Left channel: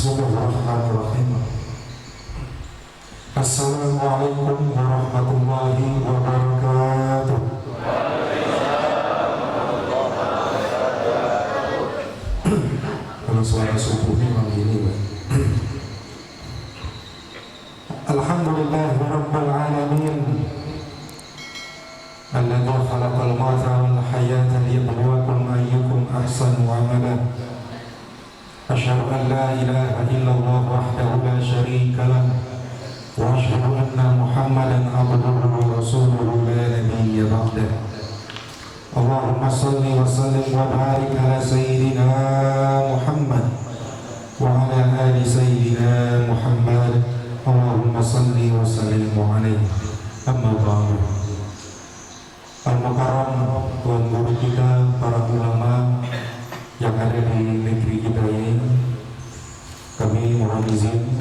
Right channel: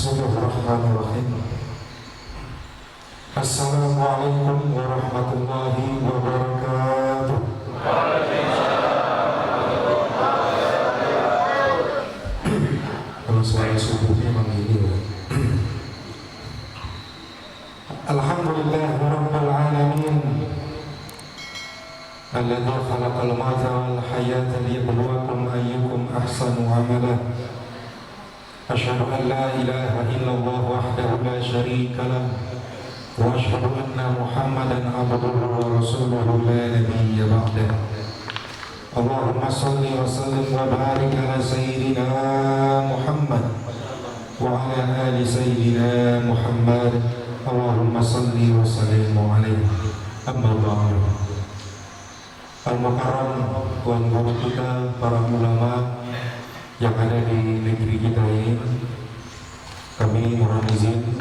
Bismillahirrahmanirrahim. Assalamualaikum warahmatullahi wabarakatuh. Kalau suara subuh memang ini. Alhamdulillahirabbil alamin. Alladzi khalaqal mauta wal hayata liyabluwakum ayyukum ahsanu amala. Asyhadu an la ilaha illallah wahdahu la syarika lah wa asyhadu anna Muhammadan abduhu wa rasuluhu la nabiyya ba'dah. Allahumma shalli wa sallim wa barik ala sayyidina Muhammad wa ala ali sayyidina Muhammad. Allahumma shalli wa sallim alaihi. Amma ba'du. Al-Mukarram, tuan guru kita, para ulama yang ada di negeri kita ini, kami mohon izin,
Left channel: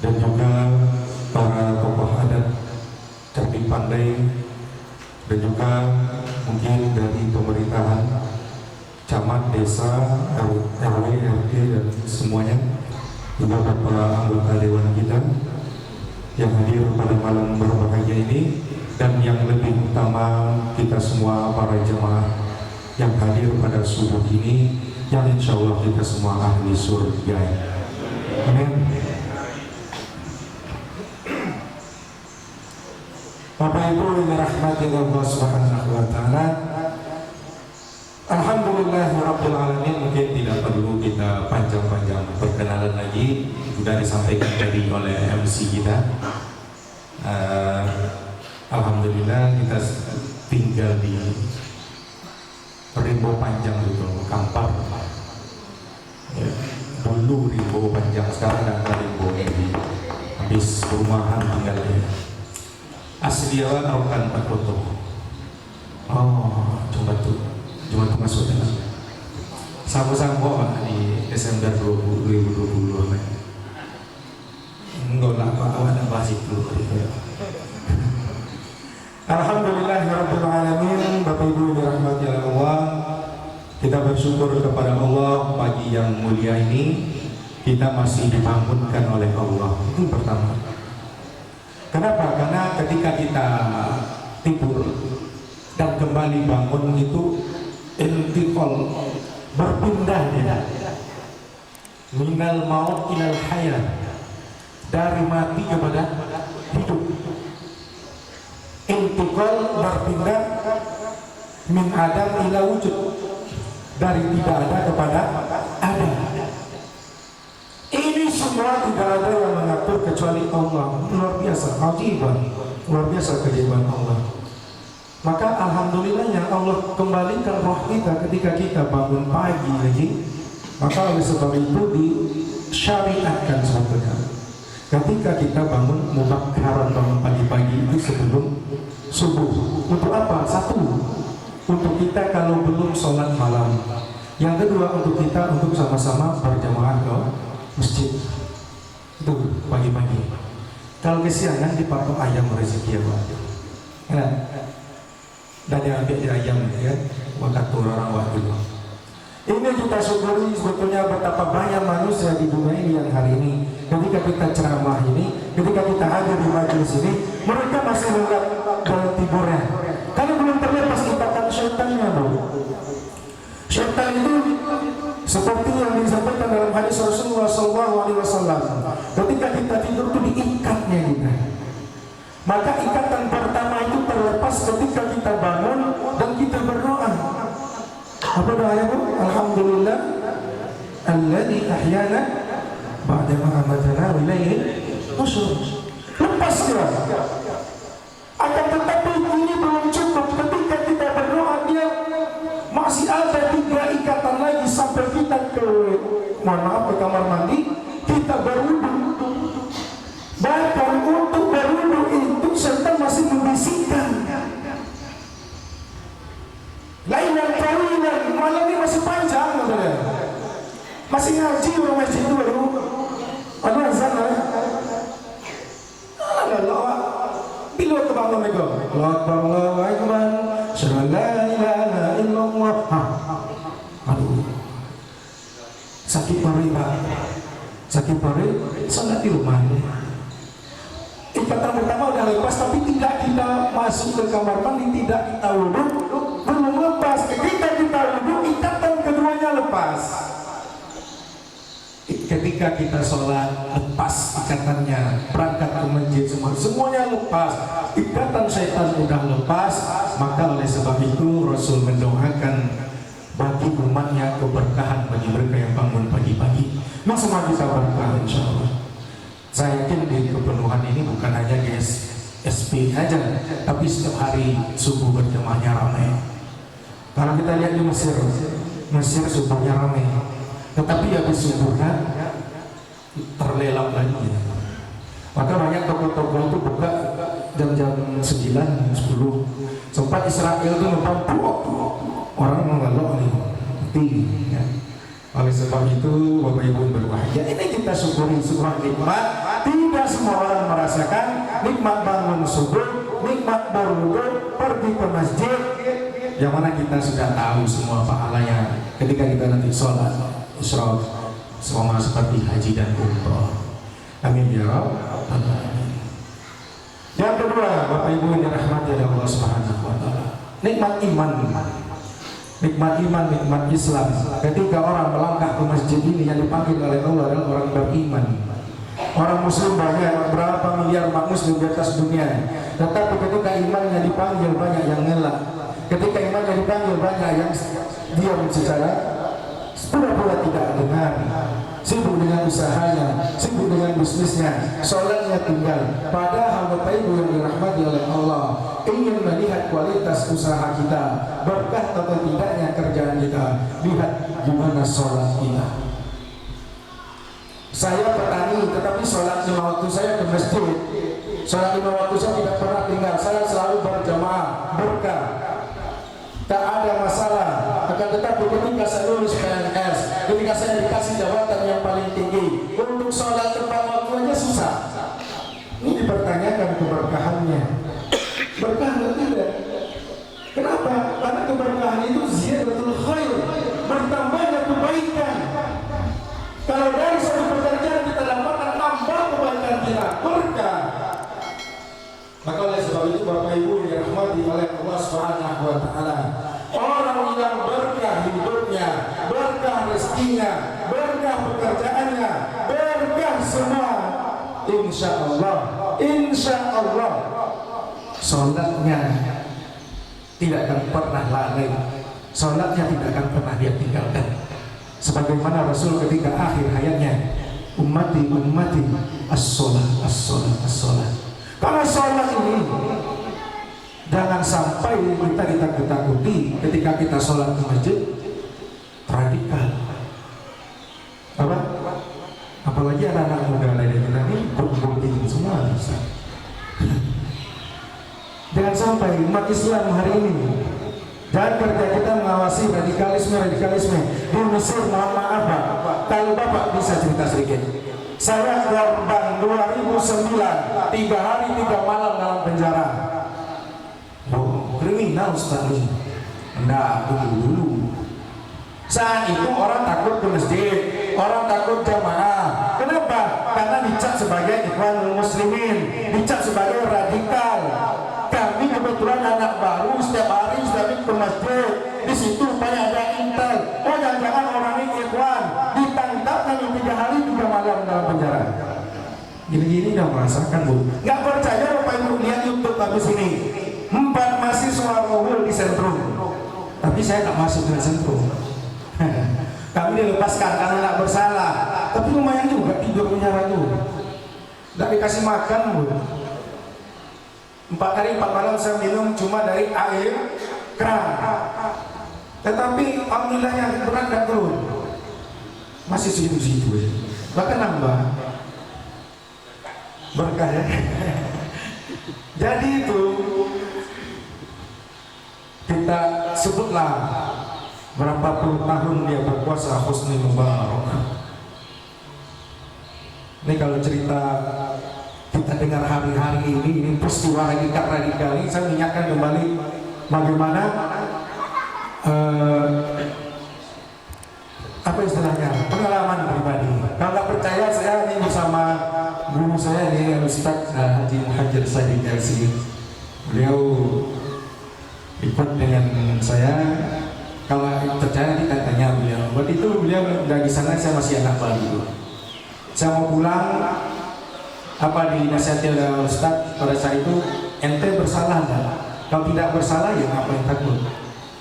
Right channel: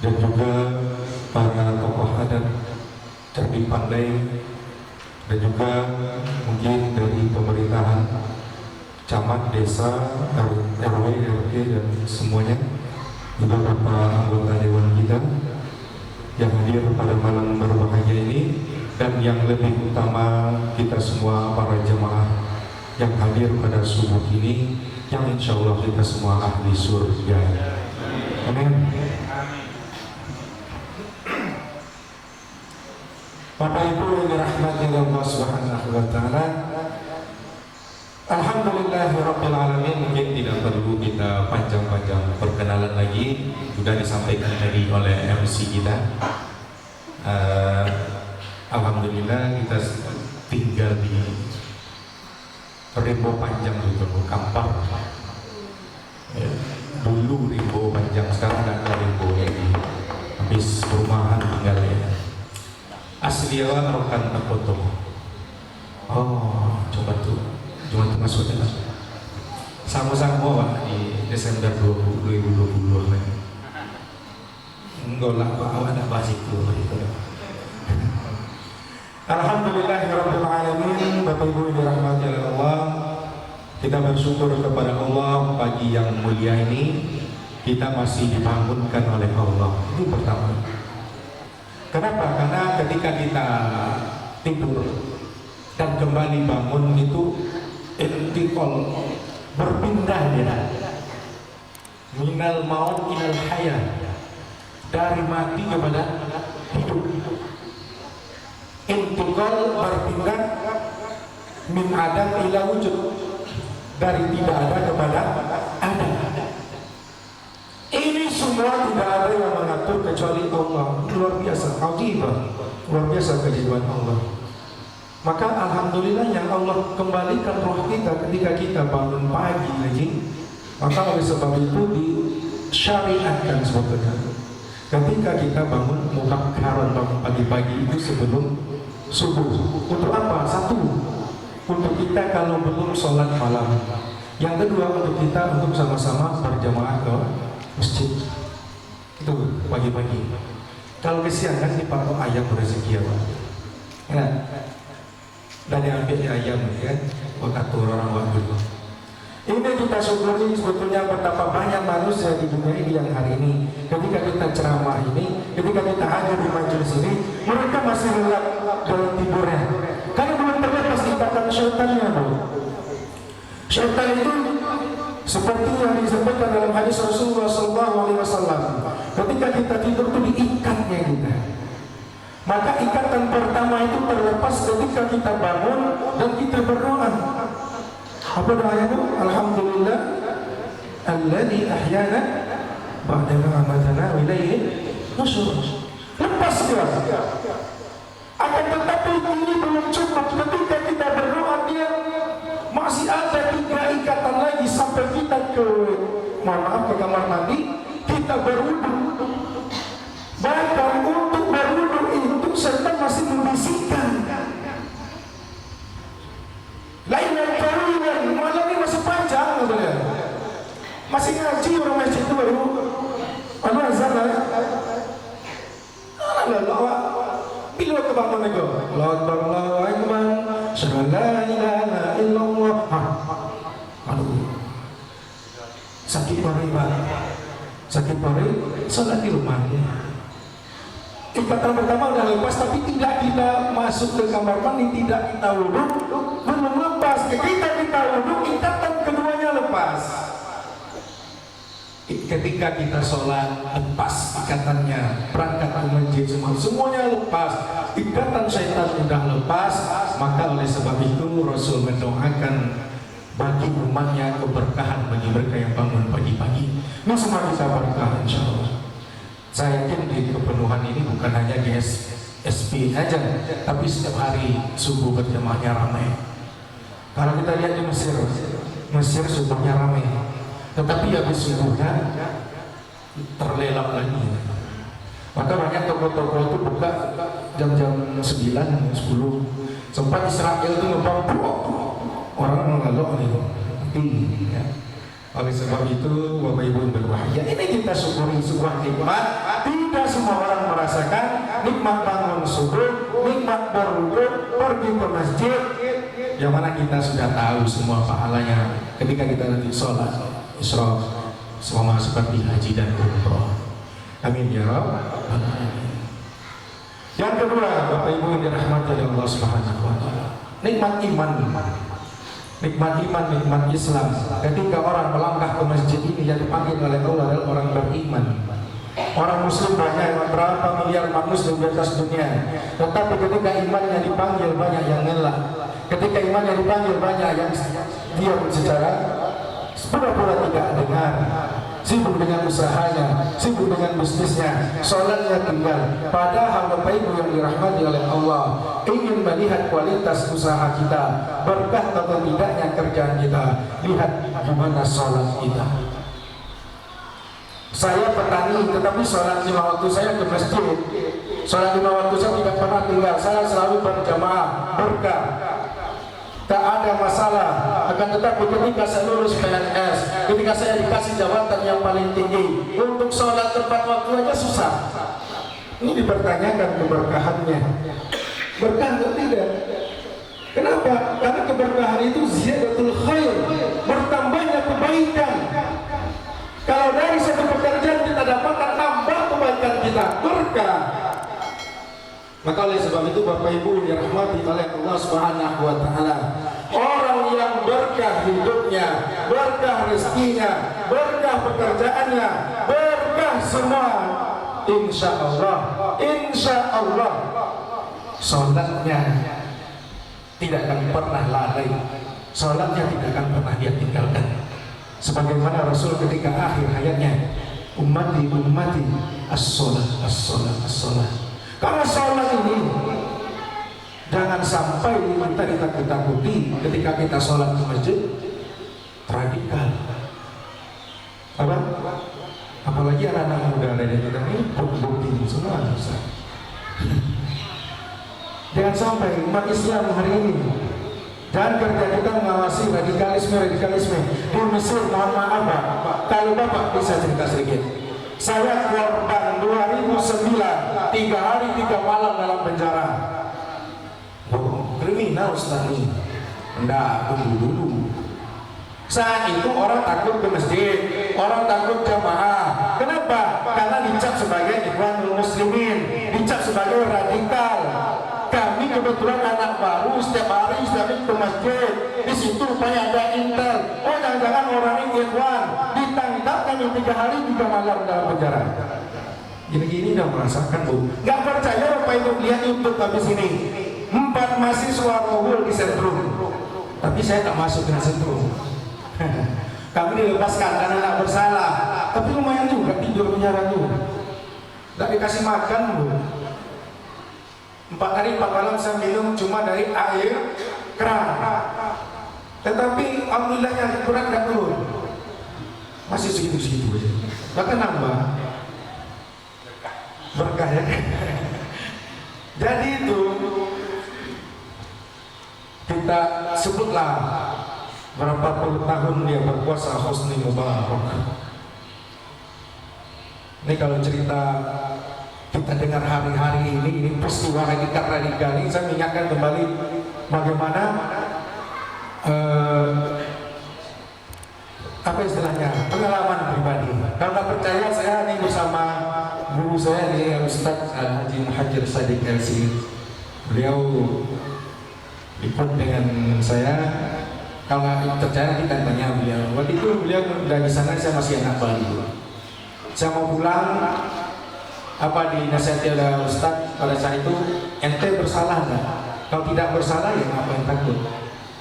dan juga para tokoh adat cerdik pandai, dan juga mungkin dari pemerintahan camat, desa, RW, RT, dan semuanya, juga para anggota dewan kita yang hadir pada malam berbahagia ini, dan yang lebih utama kita semua para jemaah yang hadir pada subuh ini, yang insya Allah kita semua ahli surga. Amin. Bapak Ibu yang dirahmati Allah Subhanahu wa taala, alhamdulillahirabbil alamin. Mungkin tidak perlu kita panjang-panjang perkenalan lagi, sudah disampaikan tadi oleh MC kita. Alhamdulillah kita tinggal di Rimbo Panjang gitu, Kampar. Ya, dulu Rimbo Panjang, sekarang ada Rimbo ini. Habis perumahan tinggalnya. Asli awal rokan tak foto. Oh, coba tuh masuknya. Sama-sama Pak di Desember 2020 lagi. Enggak lah Pak, ada bahas itu. Alhamdulillahirabbil alamin. Bapak Ibu dirahmati oleh Allah, kita bersyukur kepada Allah pagi yang mulia ini kita masih dibangunkan oleh Allah. Itu pertama. Kenapa? Karena ketika kita tidur dan kembali bangun itu intiqal, berpindah dia. Minal maut ilal hayat, dari mati kepada hidup. Intiqal, berpindah, min adam ila wujud, dari tidak ada kepada ada. Ini semua tidak ada yang mengatur kecuali Allah. Luar biasa, ajibah, luar biasa keajaiban Allah. Maka alhamdulillah yang Allah kembalikan roh kita ketika kita bangun pagi lagi. Maka oleh sebab itu disyariatkan sebetulnya ketika kita bangun mubakkaran, bangun pagi-pagi itu sebelum subuh. Untuk apa? Satu, untuk kita kalau belum sholat malam. Yang kedua, untuk kita untuk sama-sama berjamaah ke masjid. Itu pagi-pagi. Kalau kesiangan dipatok ayam rezeki ya Pak. Ya. Dan yang ambil ayam ya, otak orang waktu itu. Ini kita syukuri sebetulnya betapa banyak manusia di dunia ini yang hari ini ketika kita ceramah ini, ketika kita hadir di majelis ini, mereka masih lelap ke tiburnya. Karena belum terlepas ikatan syaitannya, Bu. Syaitan itu seperti yang disampaikan dalam hadis Rasulullah SAW. Ketika kita tidur itu diikatnya kita. Maka ikatan pertama itu terlepas ketika kita bangun dan kita berdoa. Apa doanya itu? Alhamdulillah alladzi ahyana ba'da ma amatana wa ilaihi nusyur. Lepas dia. Akan tetapi ini belum cukup. Ketika kita berdoa dia masih ada 3 ikatan lagi sampai kita ke kamar mandi, kita berwudu. Bahkan untuk berwudu itu setan masih membisikkan. Lainan kawinan, malam ini masih panjang ya. Masih ngaji orang masjid itu baru Allah azan lah. Allah bila kebangun lagi Allah Akbar, Allah Akbar, syahadu la ilaha illallah. Aduh, sakit banget Pak. sakit perut, sholat di rumahnya. Ikatan pertama udah lepas, tapi tidak kita masuk ke kamar mandi, tidak kita wudhu, belum lepas. Ketika kita wudhu, ikatan keduanya lepas. Ketika kita sholat, lepas ikatannya, berangkat ke masjid, semuanya lepas, ikatan syaitan udah lepas. Maka oleh sebab itu Rasul mendoakan bagi umatnya keberkahan bagi mereka yang bangun pagi-pagi. Nah, semua kita berkah insya Allah. Saya yakin di kepenuhan ini bukan hanya di SP aja, tapi setiap hari subuh berjamaahnya ramai. Kalau kita lihat di Mesir subuhnya ramai, tetapi habis subuhnya terlelap lagi. Maka banyak toko-toko itu buka jam-jam 9, 10. Sempat Israel itu ngebang orang mengelok nih, tinggi ya. Oleh sebab itu Bapak Ibu berbahagia, ini kita syukuri sebuah nikmat. Tidak semua orang merasakan nikmat bangun subuh, nikmat berwudu, pergi ke masjid, yang mana kita sudah tahu semua pahalanya ketika kita nanti sholat Isra sama seperti haji dan umroh. Amin ya Rabbal alamin. Yang kedua, Bapak Ibu yang dirahmati oleh Allah Subhanahu wa taala, nikmat iman. Nikmat iman, nikmat Islam. Ketika orang melangkah ke masjid ini, yang dipanggil oleh Allah adalah orang beriman. Orang muslim banyak, berapa miliar umat muslim di atas dunia, tetapi ketika imannya dipanggil banyak yang ngelak. Ketika imannya dipanggil banyak yang diam secara pura-pura tidak dengar, sibuk dengan usahanya, sibuk dengan bisnisnya, sholatnya tinggal. Padahal Bapak Ibu yang dirahmati oleh Allah, ingin melihat kualitas usaha kita, berkah atau tidaknya kerjaan kita, lihat gimana sholat kita. Saya petani, tetapi sholat 5 waktu saya ke masjid. Sholat 5 waktu saya tidak pernah tinggal, saya selalu berjamaah, berkah. Tak ada masalah. Akan tetapi ketika saya lulus PNS, ketika saya dikasih jabatan yang paling tinggi, untuk sholat tepat waktunya susah. Ini dipertanyakan keberkahannya. Berkah atau tidak? Kenapa? Karena keberkahan itu ziyadatul khair, bertambahnya kebaikan. Kalau dari satu pekerjaan kita dapatkan nambah kebaikan kita, berkah. Maka oleh sebab itu Bapak Ibu dirahmati oleh Allah Subhanahu wa taala, orang yang berkah hidupnya, berkah rezekinya, berkah pekerjaannya, berkah semua, insya Allah sholatnya tidak akan pernah lalai, sholatnya tidak akan pernah dia tinggalkan. Sebagaimana Rasul ketika akhir hayatnya, ummati as-sholah, as-sholah, as-sholah. Karena sholat ini jangan sampai kita ditakut-takuti ketika kita sholat di masjid radikal. Apa? Apalagi anak-anak muda lain itu tadi bukti semua. Jangan sampai umat Islam hari ini, dan kerja kita mengawasi radikalisme di Mesir. Mohon maaf Pak, kalau Bapak bisa cerita sedikit. Saya korban 2009, 3 hari 3 malam dalam penjara. Oh, kriminal sekali. Enggak, tunggu dulu. Saat itu orang takut ke masjid, orang takut jamaah. Kenapa? Karena dicap sebagai ikhwanul muslimin, dicap sebagai radikal. Kami kebetulan anak baru, setiap hari ke masjid. Di situ rupanya ada intel. Oh, jangan-jangan orang ini ikhwan, ditangkap kami 3 hari 3 malam dalam penjara. Gini-gini udah merasakan Bu. Gak percaya Bapak Ibu lihat YouTube habis ini. 4 mahasiswa kumpul di sentrum. Tapi saya tak masuk dengan sentrum. Kami dilepaskan karena tidak bersalah. Tapi lumayan juga tidur penjara itu. Tidak dikasih makan Bu. 4 hari 4 malam saya minum cuma dari air keran. Tetapi alhamdulillahnya kurang tidak turun. Masih segitu-segitu aja. Bahkan nambah. Berkah ya. Jadi itu kita sebutlah berapa puluh tahun dia berpuasa Husni Mubarak. Ini kalau cerita kita dengar hari-hari ini peristiwa radikal ini, saya mengingatkan kembali bagaimana apa istilahnya, pengalaman pribadi. Kalau nggak percaya, saya ini bersama guru saya nih, Ustaz Haji Muhajir Sadiq LC. Beliau ikut dengan saya. Kalau nggak percaya kita tanya beliau. Waktu itu beliau dari sana, saya masih anak bayi. Saya mau pulang, apa dinasihati oleh Ustaz pada saat itu, ente bersalah nggak? Kalau tidak bersalah ya ngapain takut?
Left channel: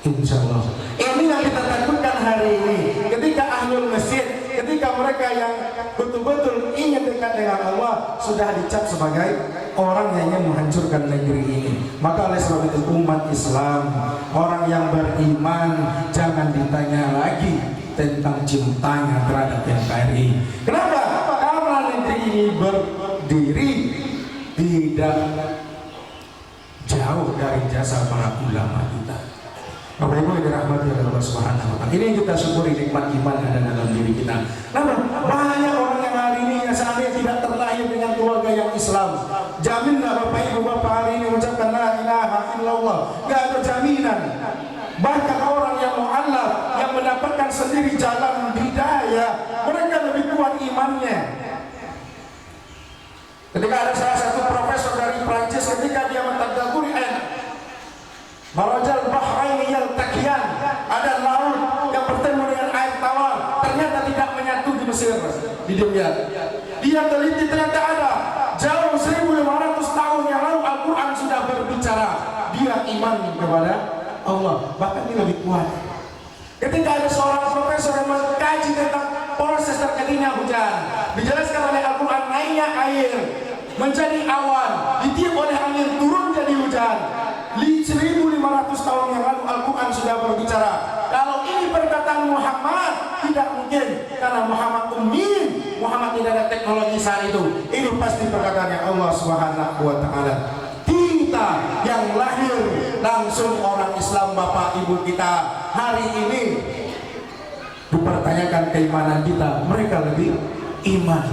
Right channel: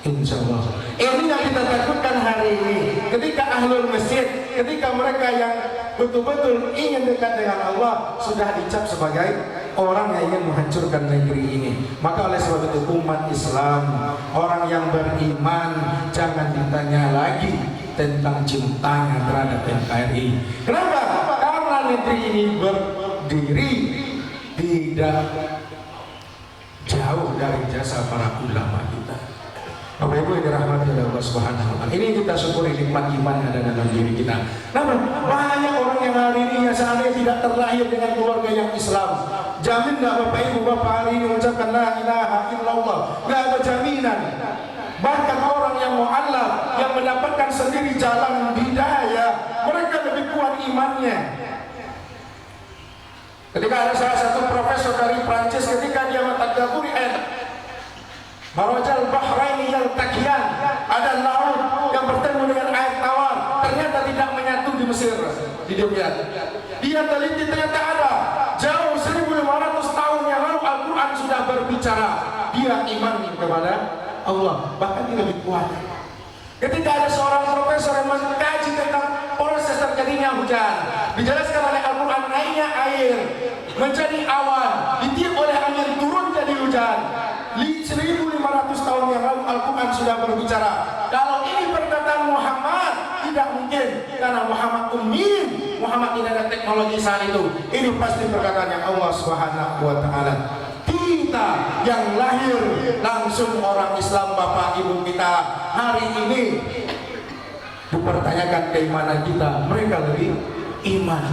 Insya Allah. Ini yang kita takutkan hari ini. Ketika ahlul masjid, ketika mereka yang betul-betul ingin dekat dengan Allah sudah dicap sebagai orang yang ingin menghancurkan negeri ini. Maka oleh sebab itu umat Islam, orang yang beriman, jangan ditanya lagi tentang cintanya terhadap NKRI. Kenapa? Karena negeri ini berdiri tidak jauh dari jasa para ulama kita. Bapak Ibu yang dirahmati oleh Allah Subhanahu wa Ta'ala. Ini yang kita syukuri nikmat iman yang ada dalam diri kita. Namun banyak orang yang hari ini yang seandainya tidak terlahir dengan keluarga yang Islam, jamin nggak Bapak Ibu Bapak hari ini mengucapkan la ilaha illallah? Nggak ada jaminan. Bahkan orang yang mu'allaf, yang mendapatkan sendiri jalan hidayah, mereka lebih kuat imannya. Ketika ada salah satu profesor dari Prancis, ketika dia mentadaburi ayat Marajal Bahraini yaltaqiyan, ada laut yang bertemu dengan air tawar, ternyata tidak menyatu di Mesir. Di dunia dia teliti, ternyata ada jauh 1500 tahun yang lalu Al-Quran sudah berbicara. Dia iman kepada Allah, bahkan dia lebih kuat. Ketika ada seorang profesor yang mengkaji tentang proses terjadinya hujan, dijelaskan oleh Al-Quran, naiknya air menjadi awan, ditiup oleh angin, turun jadi hujan. 1500 tahun yang lalu Al-Quran sudah berbicara. Kalau ini perkataan Muhammad, tidak mungkin, karena Muhammad ummi, Muhammad tidak ada teknologi saat itu. Ini pasti perkataan yang Allah Subhanahu wa Ta'ala. Kita yang lahir langsung orang Islam, Bapak Ibu kita hari ini dipertanyakan keimanan kita, mereka lebih iman.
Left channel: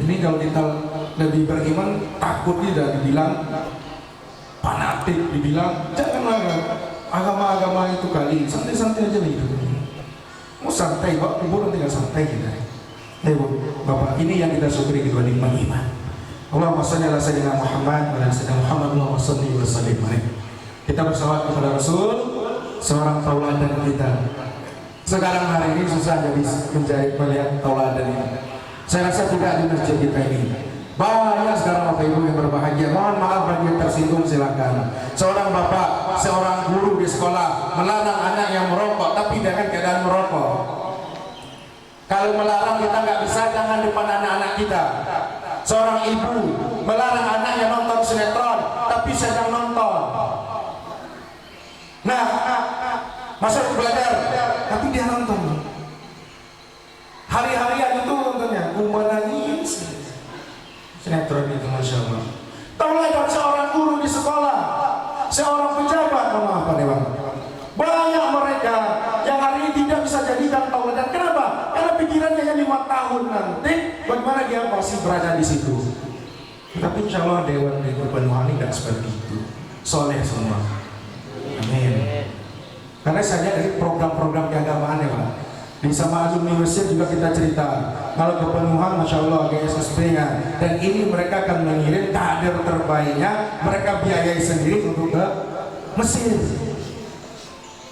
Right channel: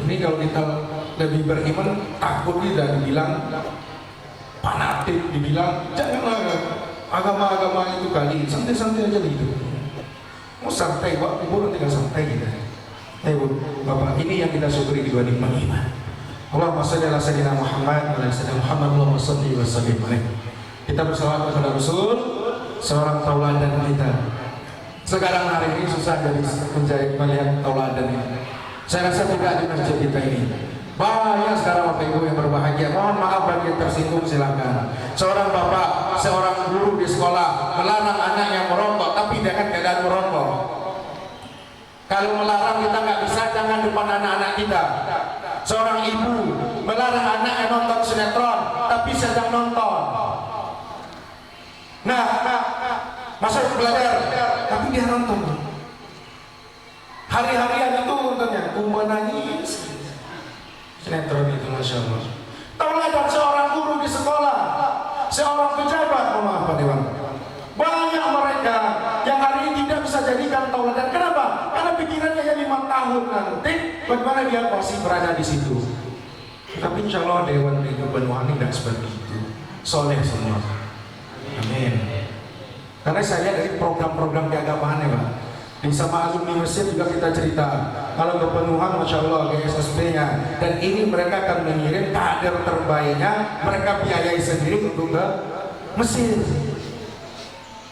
Ini kalau kita lebih beriman, takut tidak dibilang fanatik, dibilang janganlah agama-agama itu kali, santai-santai aja hidup. Mau santai, Pak, kubur tinggal santai gitu. Ayo Bapak, ini yang kita syukuri di nikmat iman. Allahumma shalli ala sayyidina Muhammad wa ala sayyidina Muhammad, Allahumma shalli wa sallim alaihi. Kita bersalawat kepada Rasul, seorang tauladan kita. Sekarang hari ini susah jadi melihat tauladan ini. Saya rasa tidak di masjid kita ini. Banyak sekarang Bapak Ibu yang berbahagia. Mohon maaf bagi yang tersinggung, silakan. Seorang bapak, seorang guru di sekolah melarang anaknya merokok, tapi dengan keadaan merokok. Kalau melarang kita nggak bisa, jangan depan anak-anak kita. Seorang ibu melarang anaknya nonton sinetron, tapi sedang nonton. Nah, masuk belajar, tapi dia nonton. Hari-harian itu nontonnya, kumpulan nangis. Sinetron itu, Masya Allah. Tahulah ada seorang guru di sekolah, seorang pejabat, maaf Pak Dewan. Banyak mereka yang hari ini tidak bisa jadikan tauladan. Kenapa? Karena pikirannya hanya 5 tahun nanti, bagaimana dia masih berada di situ. Tapi insya Allah Dewan di Banyuwangi tidak seperti itu. Soleh semua. Amin. Karena saya lihat dari program-program keagamaan ya Pak. Di sama alumni Mesir juga kita cerita, kalau kepenuhan Masya Allah GSSP-nya, dan ini mereka akan mengirim kader terbaiknya, mereka biayai sendiri untuk ke Mesir.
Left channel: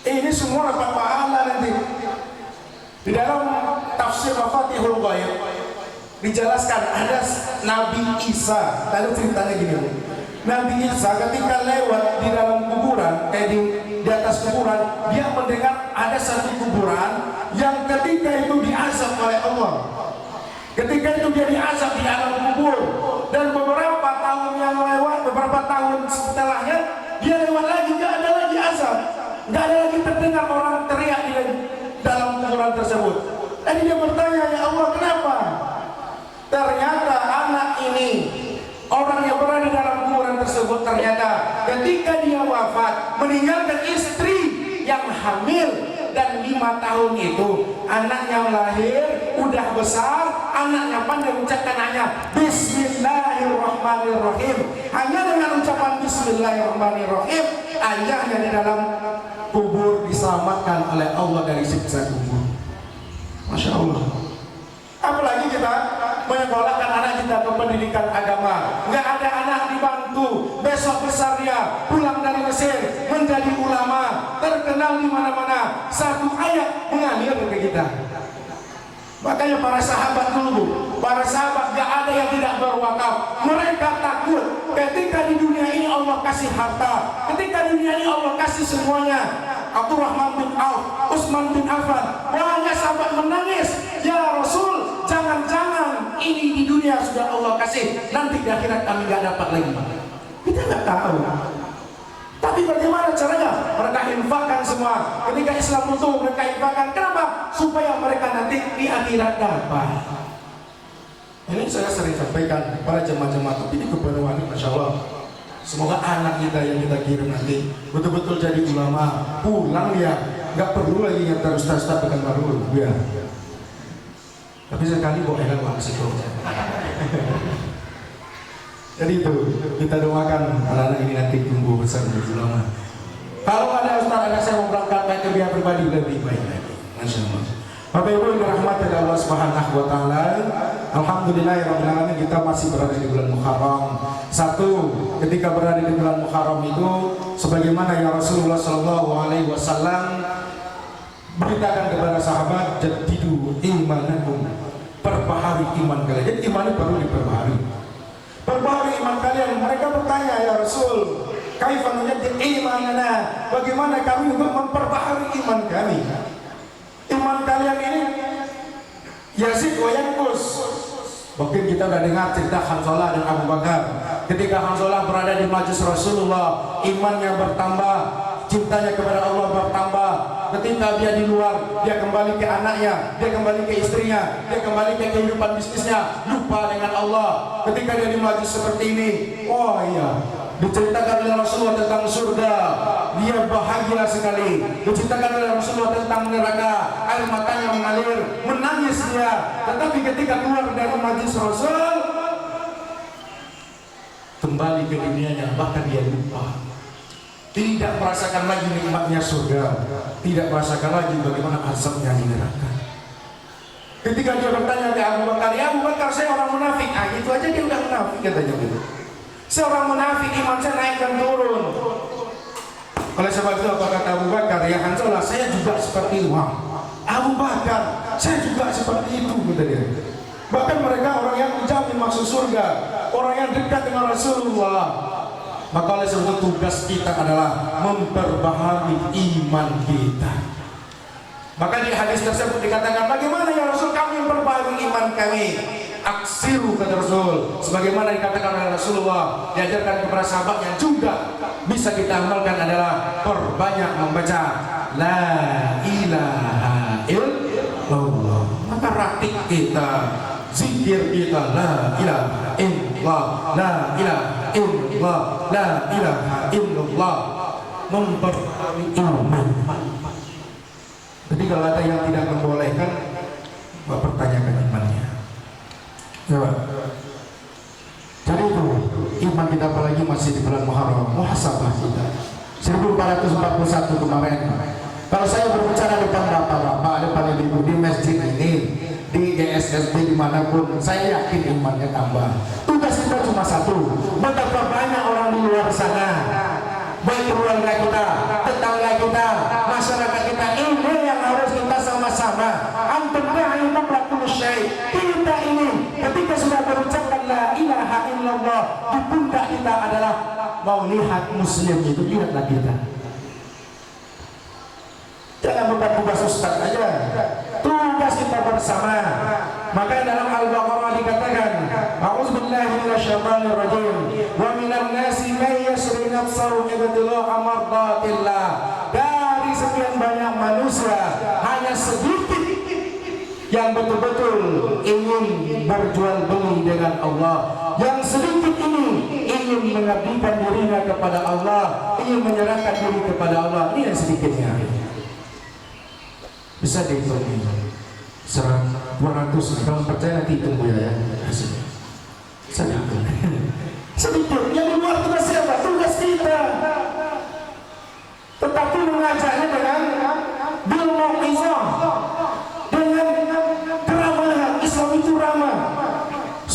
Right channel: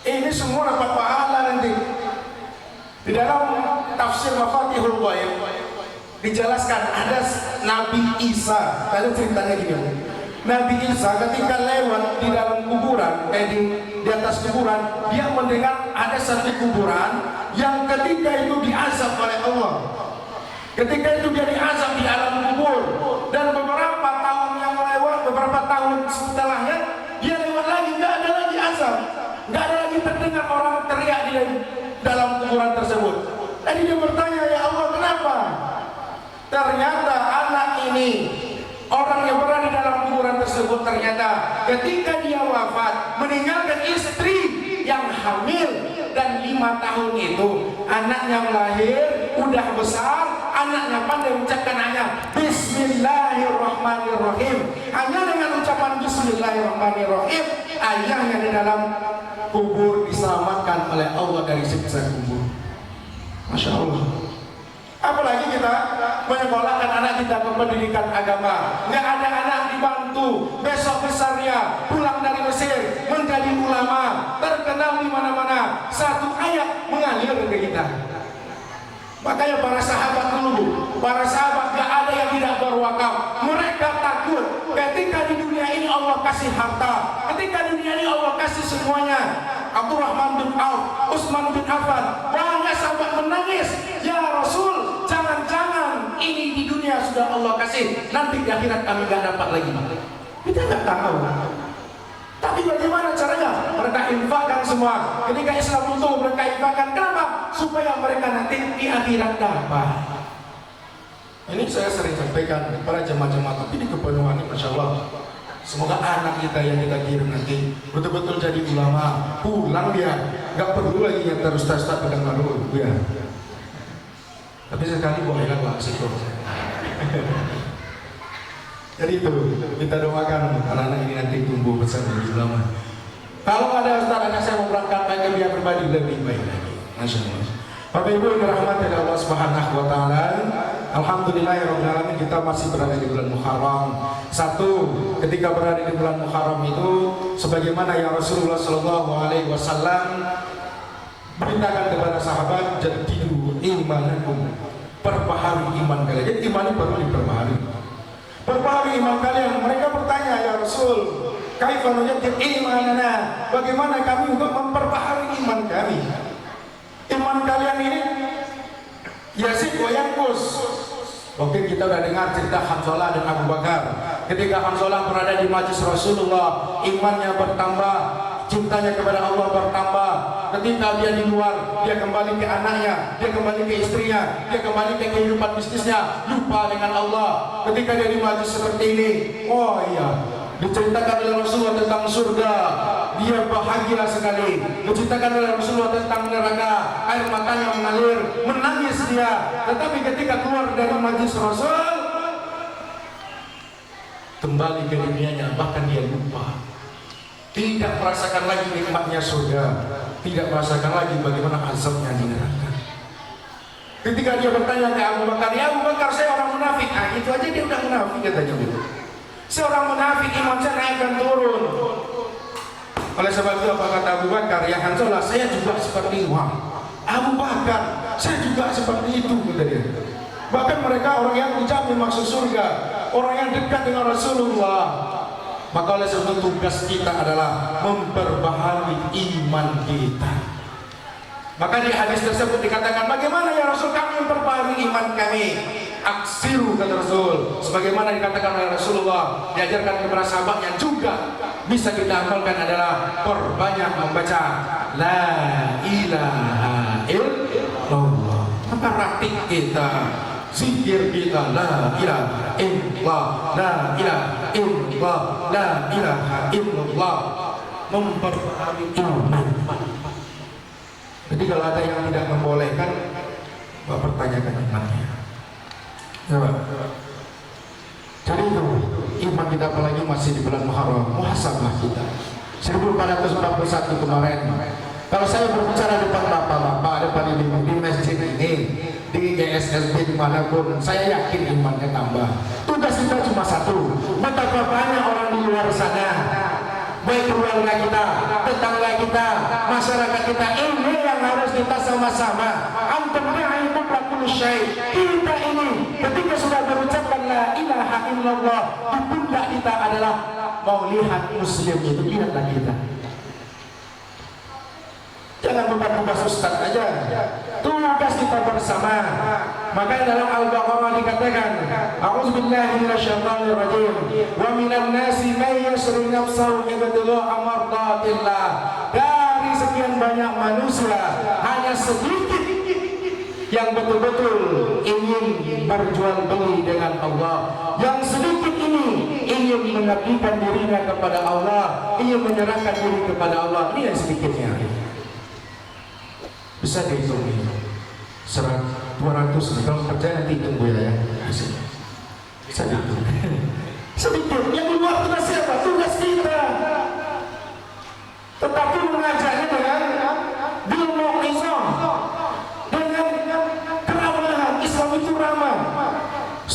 Ini semua dapat pahala nanti. Di dalam tafsir Mafatihul Ghaib dijelaskan ada Nabi Isa. Lalu ceritanya gini, Nabi Isa ketika lewat di dalam kuburan, di atas kuburan, dia mendengar ada satu kuburan yang ketika itu diazab oleh Allah. Ketika itu dia diazab di alam kubur, dan beberapa tahun yang lewat, beberapa tahun setelahnya dia lewat lagi, nggak ada lagi azab, nggak ada lagi terdengar orang teriak di dalam kuburan tersebut. Jadi dia bertanya, ya Allah kenapa? Ternyata anak ini, orang yang berada dalam kuburan tersebut, ternyata ketika dia wafat meninggalkan istri yang hamil, dan 5 tahun itu anaknya lahir udah besar, anaknya pandai mengucapkan hanya Bismillahirrahmanirrahim. Hanya dengan ucapan Bismillahirrahmanirrahim, ayahnya di dalam kubur diselamatkan oleh Allah dari siksa kubur. Masya Allah. Apalagi kita menyekolahkan anak kita ke pendidikan agama, nggak ada anak dibantu, besok besarnya pulang dari Mesir menjadi ulama, terkenal di mana-mana, satu ayat mengalir ke kita. Makanya para sahabat dulu, para sahabat gak ada yang tidak berwakaf. Mereka takut ketika di dunia ini Allah kasih harta, ketika di dunia ini Allah kasih semuanya. Abdurrahman bin Auf, Utsman bin Affan, banyak sahabat menangis, ya Rasul, jangan-jangan ini di dunia sudah Allah kasih, nanti di akhirat kami gak dapat lagi. Kita gak tahu. Tapi bagaimana caranya? Mereka infakkan semua. Ketika Islam runtuh, mereka infakkan. Kenapa? Supaya mereka nanti di akhirat dapat. Ini saya sering sampaikan kepada jemaah-jemaah, tapi di kepenuhan, Masya Allah. Semoga anak kita yang kita kirim nanti betul-betul jadi ulama, pulang dia, gak perlu lagi yang terus pegang baru, ya. Tapi sekali boleh lah situ. Jadi itu kita doakan anak-anak ini nanti tumbuh besar menjadi ulama. Kalau ada ustaz anak saya mau berangkat baik ke biaya pribadi lebih baik lagi. Masya Allah. Bapak Ibu yang dirahmati oleh Allah Subhanahu wa taala, alhamdulillahirabbil alamin, kita masih berada di bulan Muharram. Satu, ketika berada di bulan Muharram itu sebagaimana yang Rasulullah sallallahu alaihi wasallam beritakan kepada sahabat, jadidu imanakum, perbaharui iman kalian. Jadi iman perlu diperbaharui. Perbaharui iman kalian. Mereka bertanya, ya Rasul, kaifa nujaddid imanana? Bagaimana kami untuk memperbaharui iman kami? Iman kalian ini yazid wa yanqus. Mungkin kita sudah dengar cerita Hanzalah dan Abu Bakar. Ketika Hanzalah berada di majlis Rasulullah, imannya bertambah, cintanya kepada Allah bertambah. Ketika dia di luar, dia kembali ke anaknya, dia kembali ke istrinya, dia kembali ke kehidupan bisnisnya, lupa dengan Allah. Ketika dia di majlis seperti ini, oh iya, diceritakan oleh Rasulullah tentang surga, dia bahagia sekali. Diceritakan oleh Rasulullah tentang neraka, air matanya mengalir, menangis dia. Tetapi ketika keluar dari majlis Rasul, kembali ke dunianya, bahkan dia lupa, tidak merasakan lagi nikmatnya surga, tidak merasakan lagi bagaimana azabnya di neraka. Ketika dia bertanya ke Abu Bakar, ya Abu Bakar, saya orang munafik. Ah, itu aja dia udah munafik, katanya gitu. Seorang munafik, iman saya naik dan turun. Oleh sebab itu apa kata Abu Bakar, ya Hanzalah, saya juga seperti itu. Abu Bakar, saya juga seperti itu, kata dia. Bahkan mereka orang yang menjamin masuk surga, orang yang dekat dengan Rasulullah. Maka oleh sebab itu tugas kita adalah memperbaharui iman kita. Maka di hadis tersebut dikatakan, bagaimana ya Rasul kami memperbaharui iman kami? Aksiru, kata Rasul, sebagaimana dikatakan oleh Rasulullah, diajarkan kepada sahabat yang juga bisa kita amalkan adalah perbanyak membaca la ilaha illallah. Maka ratik kita, zikir kita, la ilaha illallah, la ilaha illallah, la ilaha illallah, memperbaharui iman. Jadi kalau ada yang tidak membolehkan, pertanyakan imannya. Coba. Jadi itu iman kita, apalagi masih di bulan Muharram, muhasabah kita. 1441 kemarin, kalau saya berbicara depan bapak-bapak, depan ibu di masjid ini, di GSSB dimanapun, saya yakin imannya tambah. Tugas kita cuma satu, betapa banyak orang di luar sana, baik keluarga kita, tetangga kita, masyarakat kita, ini yang harus kita sama-sama. Antum ta'lamu kullu syai. Kita ini ketika sudah berucapkan la ilaha illallah, di pundak kita adalah mau lihat muslim itu, lihatlah kita. Jangan bukan-bukan ustaz aja. Tugas kita bersama. Maka dalam Al-Baqarah dikatakan, a'udzubillahi minasyaitonir rajim, wa minan nasi may yashri nafsahu ibtigha'a mardatillah. Dari sekian banyak manusia, hanya sedikit yang betul-betul ingin berjual beli dengan Allah. Yang sedikit ini ingin mengabdikan dirinya kepada Allah, ingin menyerahkan diri kepada Allah. Ini yang sedikitnya. Bisa dihitung 200, kalau percaya nanti hitung Bu ya. Bisa dihitung. Sedikit. Yang di luar tugas siapa? Tugas kita. Tetapi mengajarnya dengan bil mau'izah, dengan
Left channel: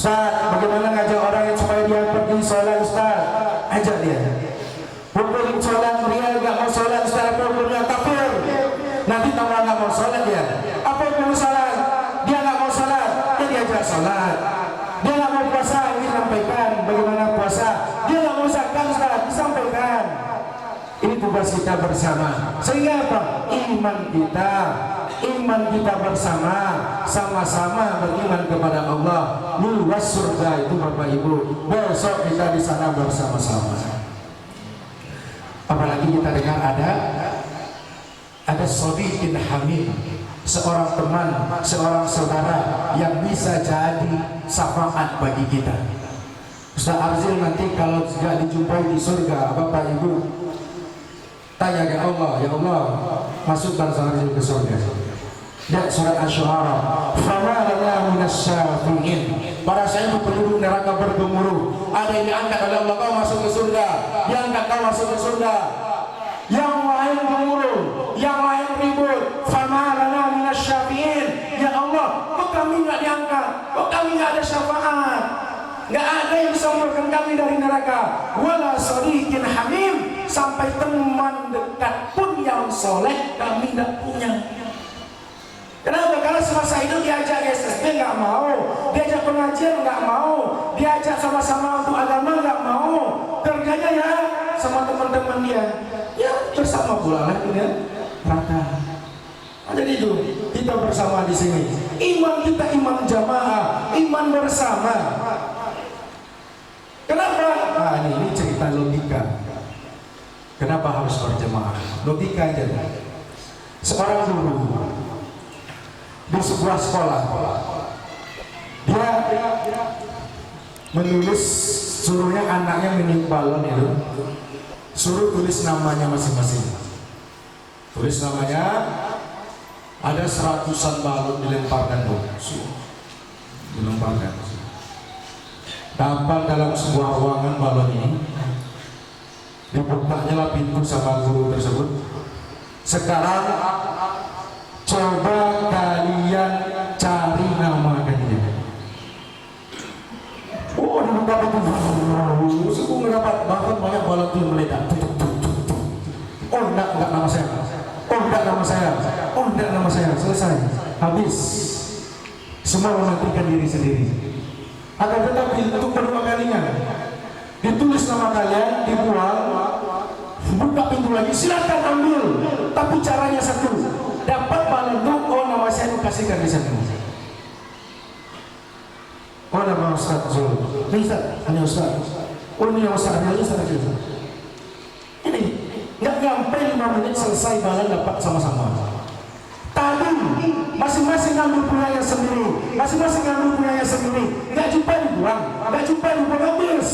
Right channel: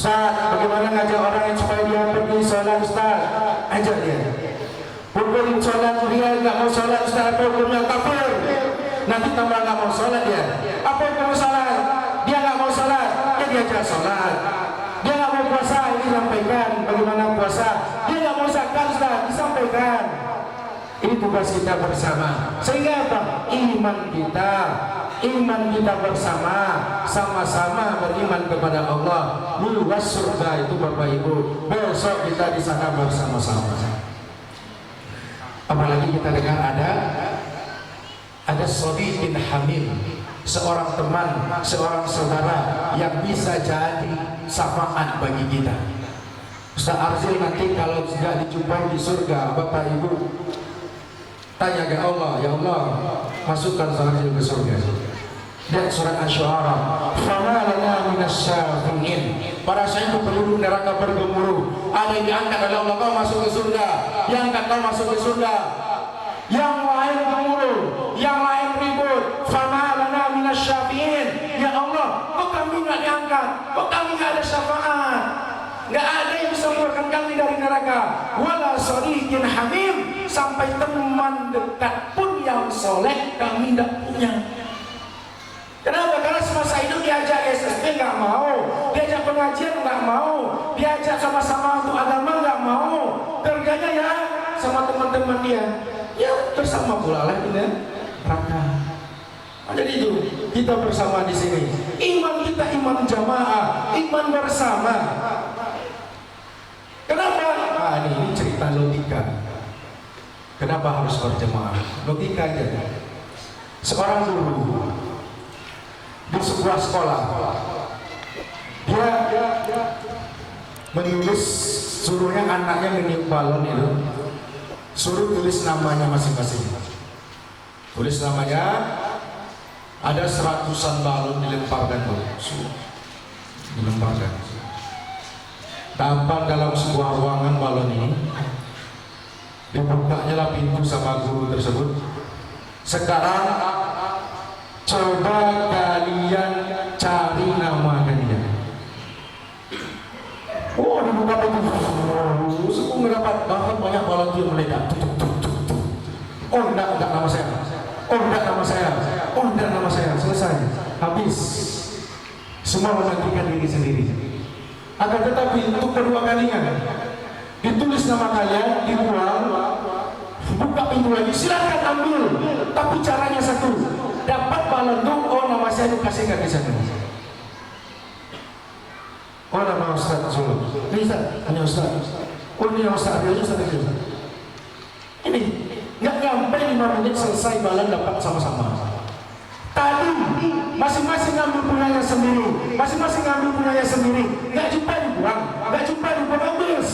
Ustaz, bagaimana ngajak orang yang supaya dia pergi sholat Ustaz? Ajak dia. Hukum sholat dia nggak mau sholat Ustaz, hukumnya kafir. Nanti tambah nggak mau sholat dia. Apa hukum sholat? Dia nggak mau sholat, ya diajak sholat. Dia nggak mau puasa, disampaikan bagaimana puasa. Dia nggak mau zakat Ustaz, disampaikan. Ini tugas kita bersama. Sehingga apa? Iman kita bersama, sama-sama beriman kepada Allah. Luas surga itu Bapak Ibu. Besok kita di sana bersama-sama. Apalagi kita dengar ada sadiqin hamim, seorang teman, seorang saudara yang bisa jadi syafaat bagi kita. Ustaz Arzil nanti kalau tidak dijumpai di surga, Bapak Ibu tanya ke Allah, ya Allah, masukkan Arzil ke surga. Lihat surat Asy-Syu'ara, "Fama lana minasy-syafi'in." Para sahabat penduduk neraka bergemuruh. Ada yang diangkat oleh Allah, kau masuk ke surga. Yang angkat kau masuk ke surga. Yang lain gemuruh, yang lain ribut. "Fama lana minasy-syafi'in." Ya Allah, kok kami enggak diangkat? Kok kami enggak ada syafaat? Enggak ada yang bisa mengeluarkan kami dari neraka. Wala shadiqin hamim, sampai teman dekat pun yang soleh kami tidak punya. Kenapa? Karena semasa hidup diajak SSB nggak mau, diajak pengajian nggak mau, diajak sama-sama untuk agama nggak mau, kerjanya ya sama teman-teman dia, ya bersama pula lah ini neraka. Jadi itu kita bersama di sini. Iman kita iman jamaah, iman bersama. Kenapa? Nah, ini cerita logika. Kenapa harus berjamaah? Logika aja. Seorang guru di sebuah sekolah, dia menulis, suruhnya anaknya meniup balon itu, suruh tulis namanya masing-masing. Tulis namanya, ada 100-an balon dilemparkan dilemparkan. Tampal dalam sebuah ruangan balon ini, dibukanya lah pintu sama guru tersebut. Sekarang coba kalian cari nama kalian. Oh, dibuka pintu, suku mendapat banyak balon itu meledak. Oh, enggak nama saya. Oh, enggak nama saya. Oh, enggak nama saya. Selesai, habis. Semua mematikan diri sendiri. Akan tetapi untuk kedua kalinya, ditulis nama kalian, dibuang, buka pintu lagi, silakan ambil. Tapi caranya satu, dapat balon itu, oh nama saya dikasihkan di sana. Oh nama Ustaz Zul, ini Ustaz, hanya Ustaz. Oh ini yang Ustaz, hanya Ustaz aja. Ini nggak sampai 5 menit selesai balon dapat sama-sama. Tadi masing-masing ngambil punyanya sendiri, masing-masing ngambil punyanya sendiri. Nggak jumpa dibuang, nggak jumpa dibuang, habis.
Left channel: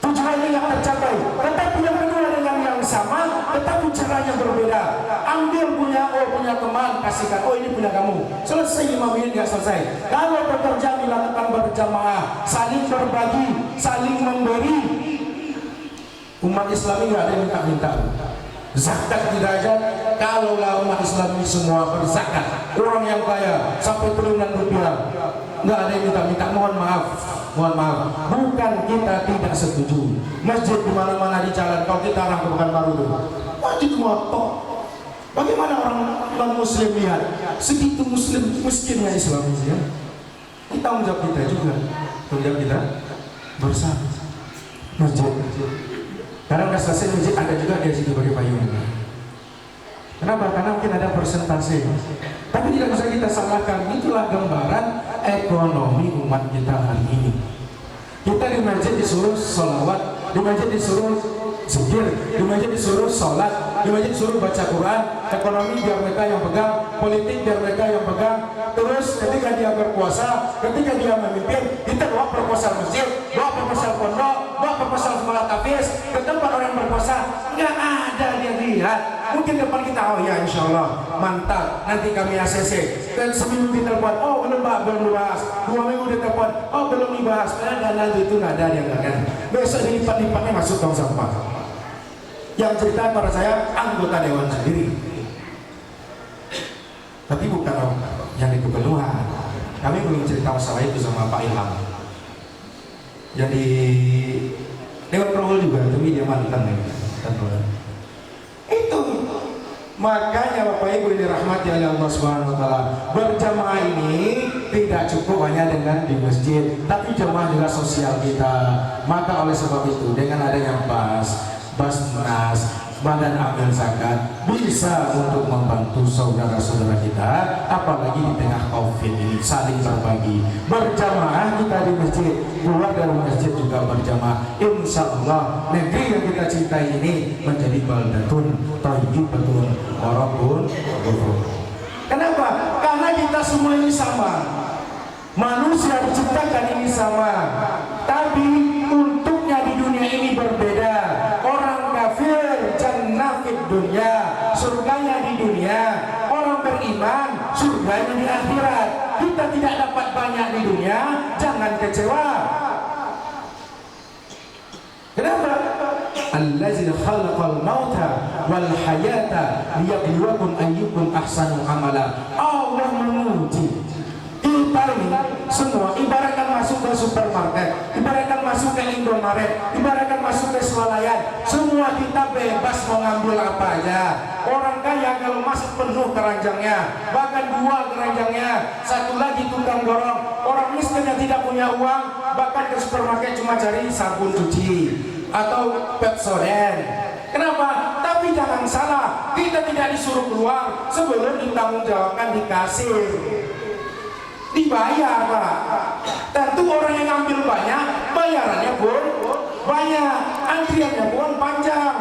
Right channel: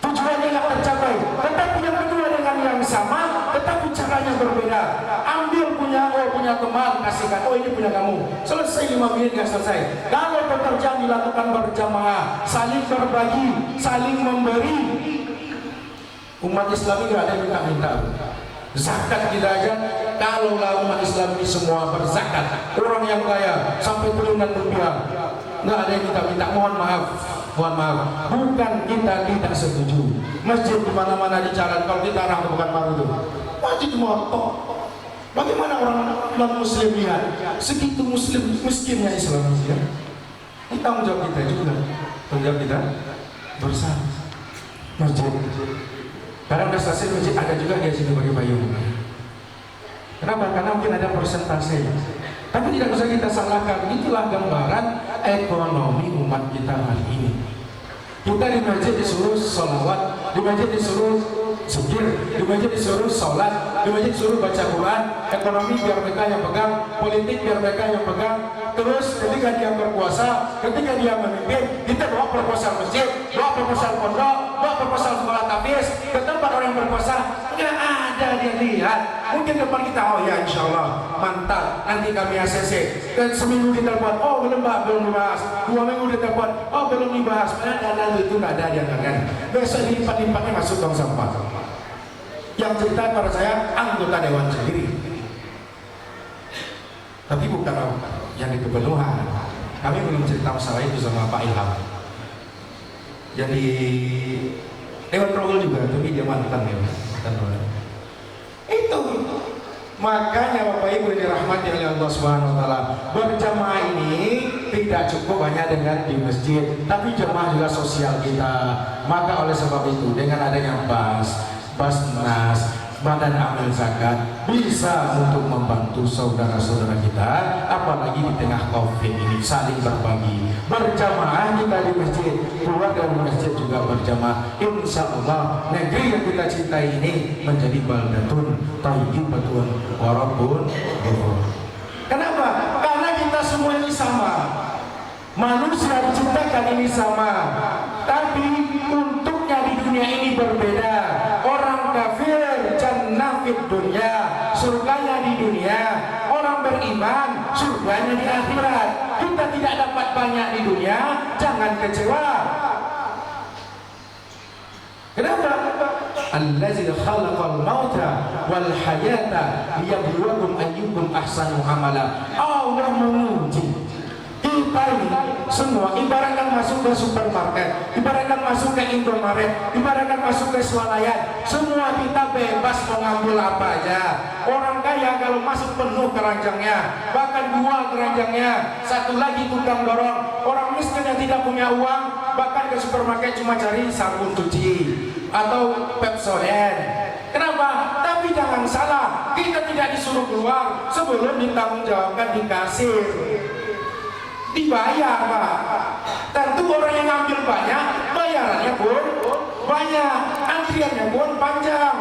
Tujuannya nggak tercapai. Tetapi yang kedua dengan yang sama, tetapi caranya berbeda. Ambil punya teman, kasihkan. Oh ini punya kamu. Selesai 5 menit nggak selesai. Kalau pekerjaan dilakukan berjamaah, saling berbagi, saling memberi. Umat Islam ini nggak ada yang minta-minta. Zakat tidak aja. Kalau umat Islam ini semua berzakat, orang yang kaya sampai triliunan rupiah, nggak ada yang minta-minta. Mohon maaf. Bukan kita tidak setuju. Masjid di mana-mana di jalan, kalau kita arah ke Pekanbaru itu, wajib motor. Bagaimana orang non-Muslim lihat? Segitu Muslim miskinnya Islam ini ya. Ini tanggung jawab kita juga. Tanggung jawab kita bersama. Masjid. Karena udah selesai masjid, ada juga di situ bagi payung. Kenapa? Karena mungkin ada persentase. Tapi tidak usah kita salahkan. Itulah gambaran ekonomi umat kita hari ini. Kita di masjid disuruh sholawat, di masjid disuruh zikir, di masjid disuruh sholat, di masjid disuruh baca Quran. Ekonomi biar mereka yang pegang, politik biar mereka yang pegang. Terus ketika dia berpuasa, ketika dia memimpin, kita bawa proposal masjid, bawa proposal pondok, bawa proposal sekolah tahfiz ke tempat orang berpuasa. Nggak ada dia lihat. Mungkin depan kita, oh ya insya Allah mantap, nanti kami ACC. Dan seminggu ditelepon, oh belum dibahas. 2 minggu ditelepon, oh belum dibahas. Karena dana itu nggak ada yang kan. Besok dilipat-lipatnya masuk tong sampah. Yang cerita pada saya anggota dewan sendiri. Tapi bukan yang di kepeluhan. Kami belum cerita masalah itu sama Pak Ilham. Jadi Dewan Progol juga, tapi dia mantan ya. Itu makanya Bapak Ibu yang dirahmati oleh Allah Subhanahu wa taala, berjamaah ini tidak cukup hanya dengan di masjid, tapi jamaah juga sosial kita. Maka oleh sebab itu dengan adanya Basnas, Badan Amil Zakat bisa untuk membantu saudara-saudara kita, apalagi di tengah Covid ini, saling berbagi. Berjamaah kita di masjid, keluar dari masjid juga berjamaah. Insya Allah negeri yang kita cintai ini menjadi baldatun thayyibatun wa rabbun ghafur. Kenapa? Karena kita semua ini sama. Manusia diciptakan ini sama, tapi untuknya di dunia ini berbeda. Orang kafir jannah fid dunya, surganya di dunia. Orang beriman surganya di akhirat. Kita tidak dapat banyak di dunia, jangan kecewa. Kenapa? Allazi khalaqal mauta wal hayata liyabluwakum ayyukum ahsanu amala. Allah memuji kita ini semua, ibaratkan masuk ke supermarket, ibaratkan masuk ke Indomaret, ibaratkan masuk ke swalayan, semua kita bebas mengambil apa aja. Orang kaya kalau masuk penuh keranjangnya, bahkan dua keranjangnya, satu lagi tukang dorong. Orang miskin yang tidak punya uang, bahkan ke supermarket cuma cari sabun cuci atau Pepsodent. Kenapa? Tapi jangan salah, kita tidak disuruh keluar sebelum ditanggungjawabkan di kasir. Dibayar Pak. Tentu orang yang ngambil banyak, bayarannya pun banyak, antriannya pun panjang.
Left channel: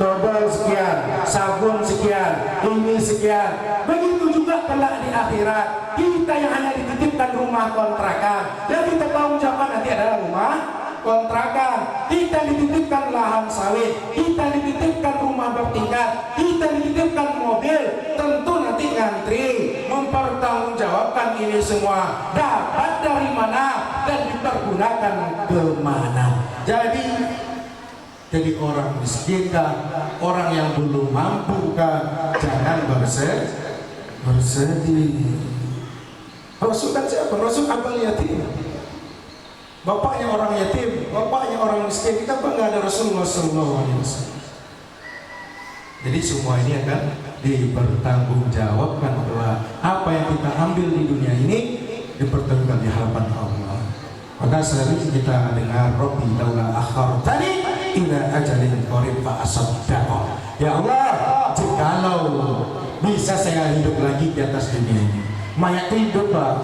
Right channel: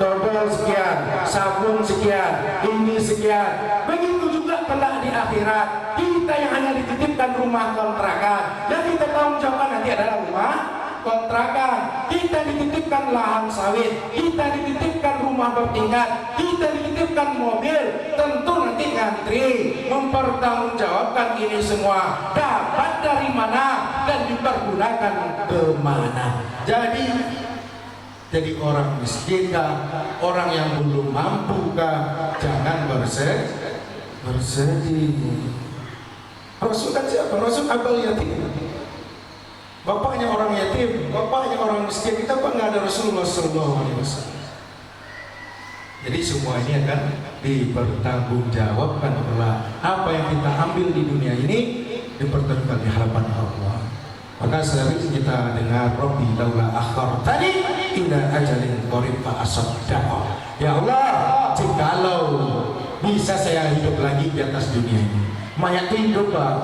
Double sekian, sabun sekian, ini sekian. Begitu juga kelak di akhirat. Kita yang hanya dititipkan rumah kontrakan, yang kita tanggung jawab nanti adalah rumah kontrakan. Kita dititipkan lahan sawit, kita dititipkan rumah bertingkat, kita dititipkan mobil. Tentu nanti ngantri mempertanggungjawabkan ini semua, dapat dari mana dan dipergunakan kemana. Jadi orang miskin kah, orang yang belum mampu kah, jangan bersedih. Rasul kan siapa? Rasul abal yatim, bapaknya orang yatim, bapaknya orang miskin. Kita bangga ada Rasulullah SAW. Jadi semua ini akan dipertanggungjawabkan oleh apa yang kita ambil di dunia ini, dipertanggungjawabkan di hadapan Allah. Maka sering kita dengar Rabbi laula akhartani ila ajalin qarib fa asaddaq. Ya Allah, jikalau bisa saya hidup lagi di atas dunia ini. Mayat hidup Pak,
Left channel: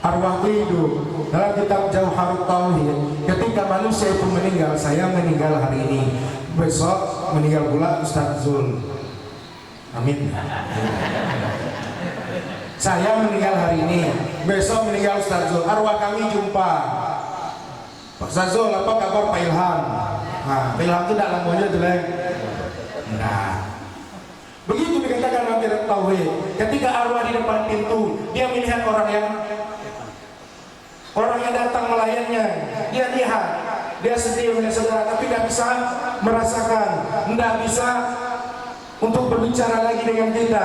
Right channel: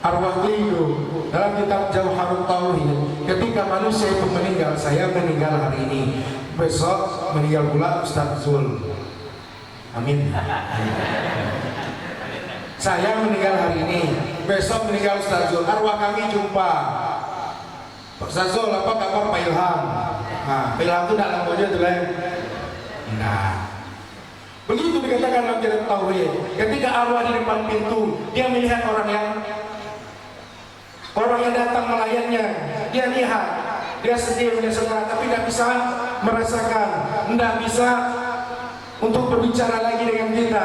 arwah hidup. Dalam kitab Jauharut Tauhid, ketika manusia itu meninggal, saya meninggal hari ini, besok meninggal pula Ustaz Zul. Amin. Saya meninggal hari ini, besok meninggal Ustaz Zul. Arwah kami jumpa. Pak Ustaz Zul, apa kabar Pak Ilham? Nah, Pak Ilham itu tidak namanya itu lah. Nah, begitu dikatakan dalam kitab Tauhid. Ketika arwah di depan pintu, dia melihat orang yang datang melayannya. Dia lihat, dia sedih melihat saudara, tapi tidak bisa merasakan, tidak bisa untuk berbicara lagi dengan kita.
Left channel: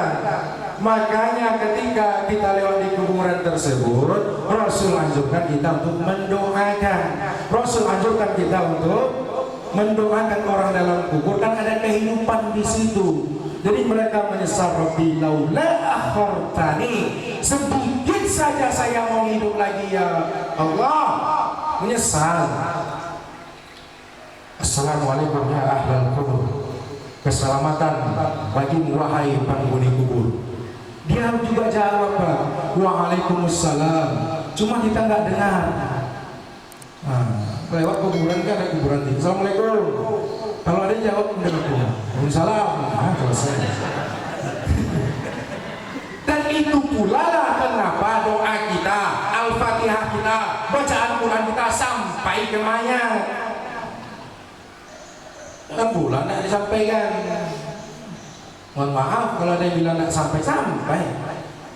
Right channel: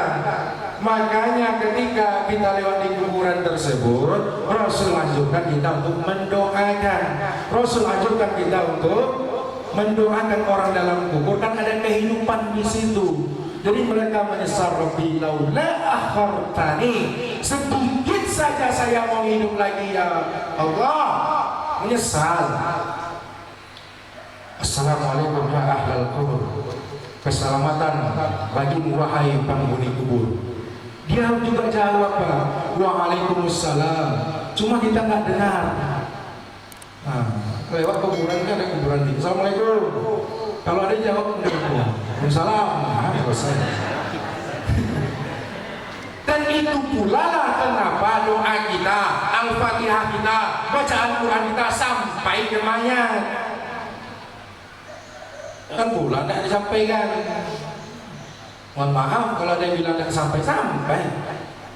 Makanya ketika kita lewat di kuburan tersebut, Rasul anjurkan kita untuk mendoakan. Rasul anjurkan kita untuk mendoakan orang dalam kubur, kan ada kehidupan di situ. Jadi mereka menyesal, Rabbi laula akhartani, sedikit saja saya mau hidup lagi ya Allah. Menyesal. Assalamualaikum ya ahlal kubur, keselamatan bagi wahai penghuni kubur. Dia juga jawab Pak, waalaikumsalam. Cuma kita nggak dengar. Nah, lewat kuburan kan ada kuburan ini. Assalamualaikum. Kalau ada jawab waalaikumsalam. Nah, selesai. Dan itu pula lah kenapa doa kita, Al-Fatihah kita, bacaan Quran kita sampai ke mayat. Kan pula tidak disampaikan. Mohon maaf kalau ada yang bilang tidak sampai.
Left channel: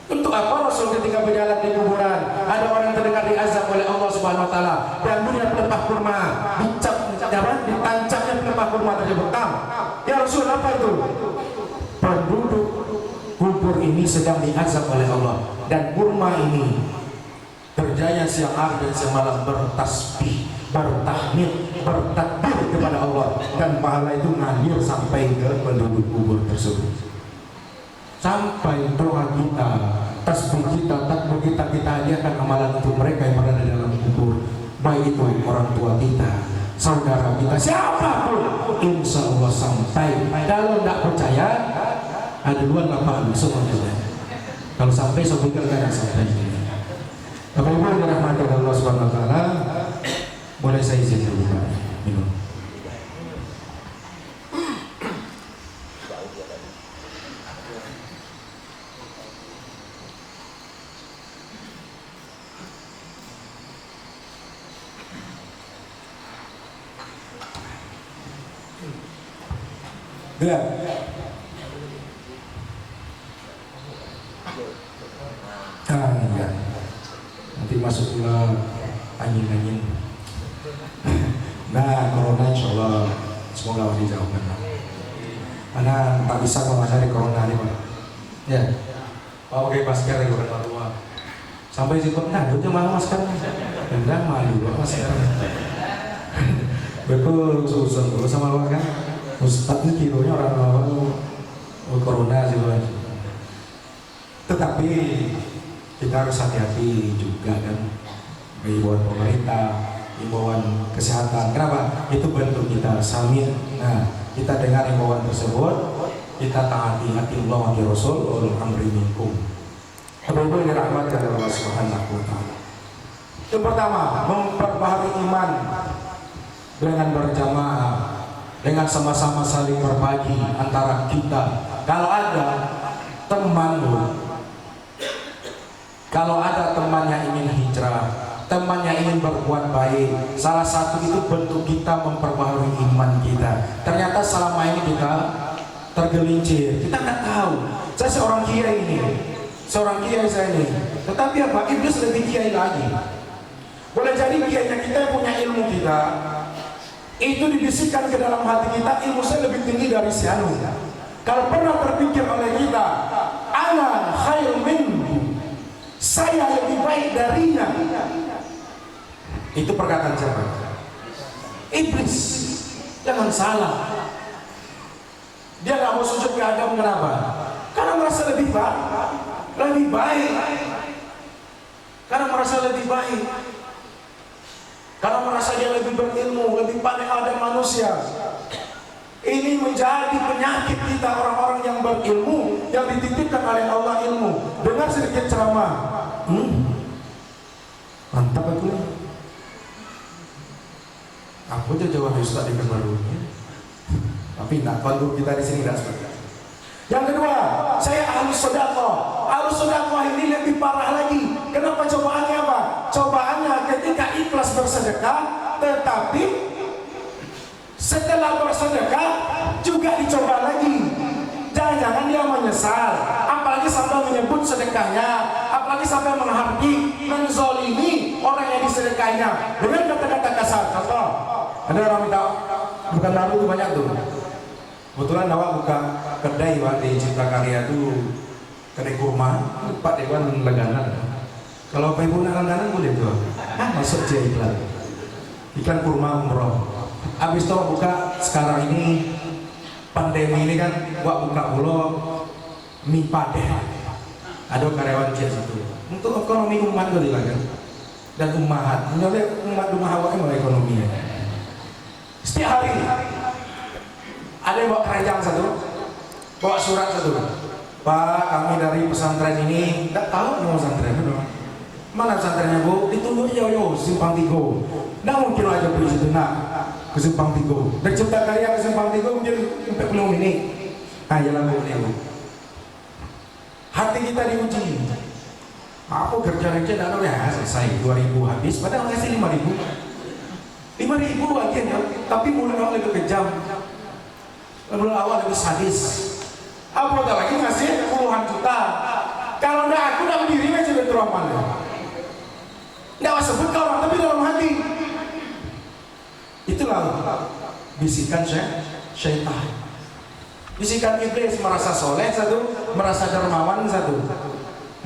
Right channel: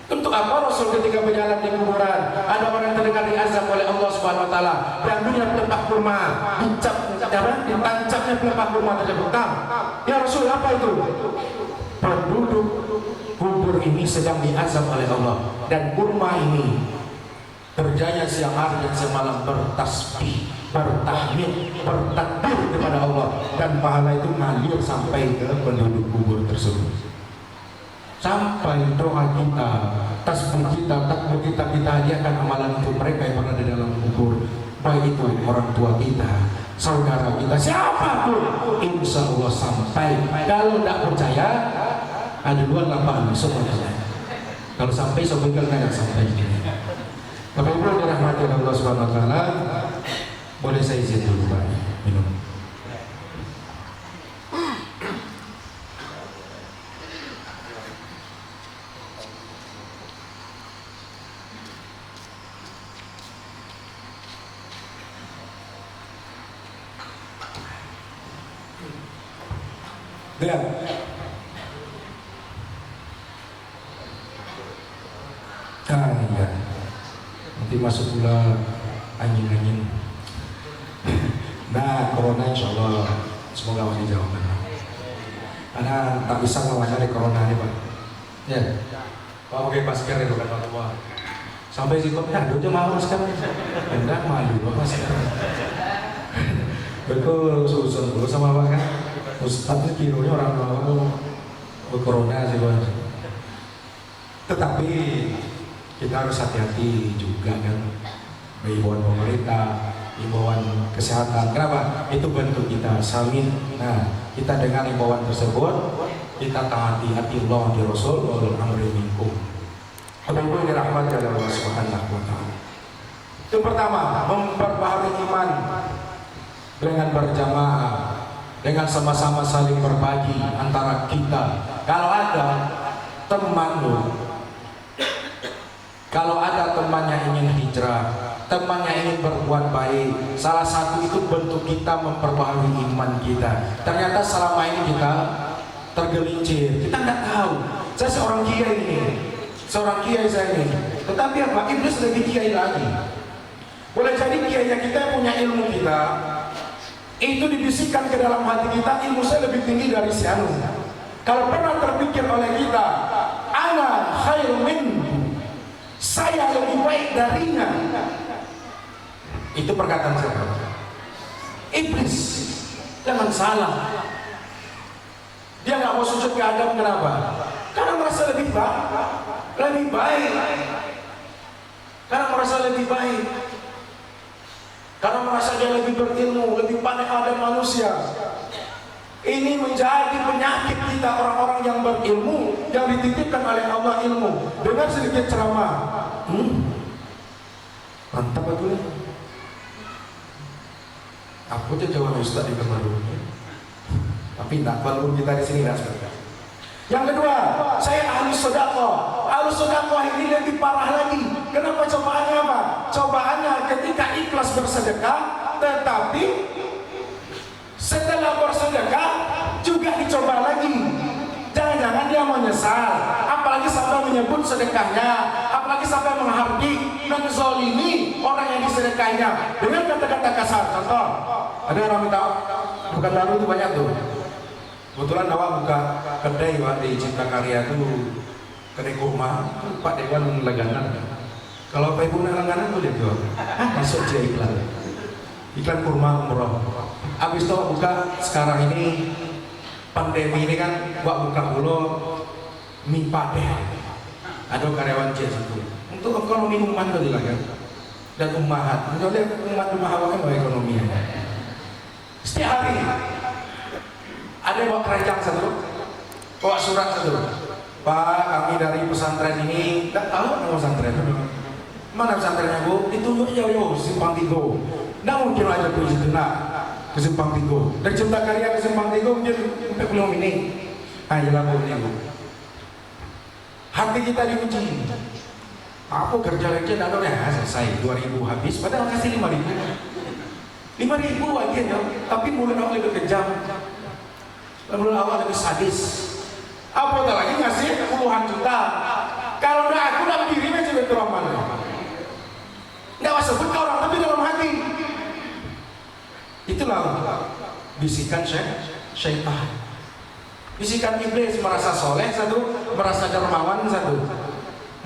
Untuk apa Rasul ketika berjalan di kuburan, ada orang yang terdengar diazab oleh Allah Subhanahu wa taala, dan dia pelepah kurma, ditancapnya pelepah kurma tersebut. Ya Rasul, apa itu? Penduduk kubur kubur ini sedang diazab oleh Allah, dan kurma ini kerjanya siang hari dan semalam bertasbih, bertahmid, bertakbir kepada Allah, dan pahala itu ngalir sampai ke penduduk kubur tersebut. Sampai doa kita, tasbih kita, takbir kita, kita hadiahkan amalan untuk mereka yang berada dalam kubur, baik itu orang tua kita, saudara kita, siapapun, insya Allah sampai. Kalau tidak percaya, ada dua lapangan semua. Kalau sampai, sobat nggak sampai. Bapak Ibu yang dirahmati Allah Subhanahu Wa Taala, boleh saya izin dulu Pak minum. Benar. Iya. Nanti masuk pula angin-angin. Nah, corona insya Allah semoga Allah dijauhkan. Karena tak bisa menghadapi corona ini Pak. Ya. Pak pakai masker ya bukan tua. Sampai situ, nah duduknya mau masker. Enggak malu Pak masker. Betul, susah dulu sama Pak kan. Ustadz ini kironya orang awal corona sih Pak. Tetapi kita harus hati-hati juga kan, himbauan pemerintah, himbauan kesehatan. Kenapa? Itu bentuk kita samin. Nah, kita dengar himbauan tersebut, kita taati hati Allah di Rasul amri minkum. Bapak-ibu yang dirahmati oleh Allah Subhanahu wa Ta'ala. Yang pertama, memperbaharui iman dengan berjamaah, dengan sama-sama saling berbagi antara kita. Kalau ada temanmu, kalau ada temannya ingin hijrah, temannya ingin berbuat baik, salah satu itu bentuk kita memperbaharui iman kita. Ternyata selama ini kita tergelincir, kita tidak tahu. Saya seorang kiai ini, seorang kiai saya ini, tetapi apa? Iblis lebih kiai lagi. Boleh jadi kiainya kita punya ilmu kita, itu dibisikkan ke dalam hati kita, ilmu saya lebih tinggi dari si anu. Kalau pernah terpikir oleh kita, ana khairun minhu, saya lebih baik darinya, itu perkataan siapa? Iblis. Jangan salah, dia nggak mau sujud ke Adam. Kenapa? Karena merasa lebih baik, karena merasa lebih baik, karena merasa dia lebih berilmu, lebih pandai Adam manusia. Ini menjadi penyakit kita, orang-orang yang berilmu, yang dititipkan oleh Allah ilmu. Dengar sedikit ceramah, mantap betul. Aku tuh jawab Ustaz di kamar dulu, tapi tidak perlu kita di sini tidak seperti. Yang kedua, saya ahlus sedekah. Ahlus sedekah ini lebih parah lagi. Kenapa cobaannya apa? Cobaannya ketika ikhlas bersedekah, tetapi setelah bersedekah juga dicoba lagi. Jangan-jangan dia menyesal, apalagi sampai menyebut sedekahnya, apalagi sampai menghardik, menzolimi orang yang disedekahnya dengan kata-kata kasar. Contoh, ada orang minta bukan baru itu banyak tuh. Kebetulan awak buka kedai di Cipta Karya itu, kedai kurma, Pak Dewan langganan. Kalau Pak Ibu langganan boleh jual. Masuk aja iklan kurma umroh. Habis itu buka sekarang ini pandemi ini kan, gua buka dulu mie padeh. Ada karyawan jet itu untuk ekonomi umat dulu kan, dan umahat. Menolak umat rumah awak kan ekonominya. Setiap hari ada yang bawa keranjang satu, bawa surat satu. Pak, kami dari pesantren ini, tidak tahu nama pesantren mana pesantrennya Bu? Ditunggu jauh-jauh Simpang Tigo. Nggak mungkin aja pergi situ ke Simpang Tigo. Dari Cipta Karya ke Simpang Tigo mungkin 40 menit. Nah, jalan Bu. Hati kita diuji. Aku kerja-kerja tidak ya selesai 2.000 habis, padahal ngasih 5.000. 5.000 akhirnya, tapi mulai awal lebih kejam, mulai awal lebih sadis. Apa lagi ngasih puluhan juta? Kalau udah aku dalam dirinya juga teroman. Nggak usah sebut ke orang, tapi dalam hati. Itulah bisikan syaitan. Bisikan iblis merasa soleh satu, merasa dermawan satu.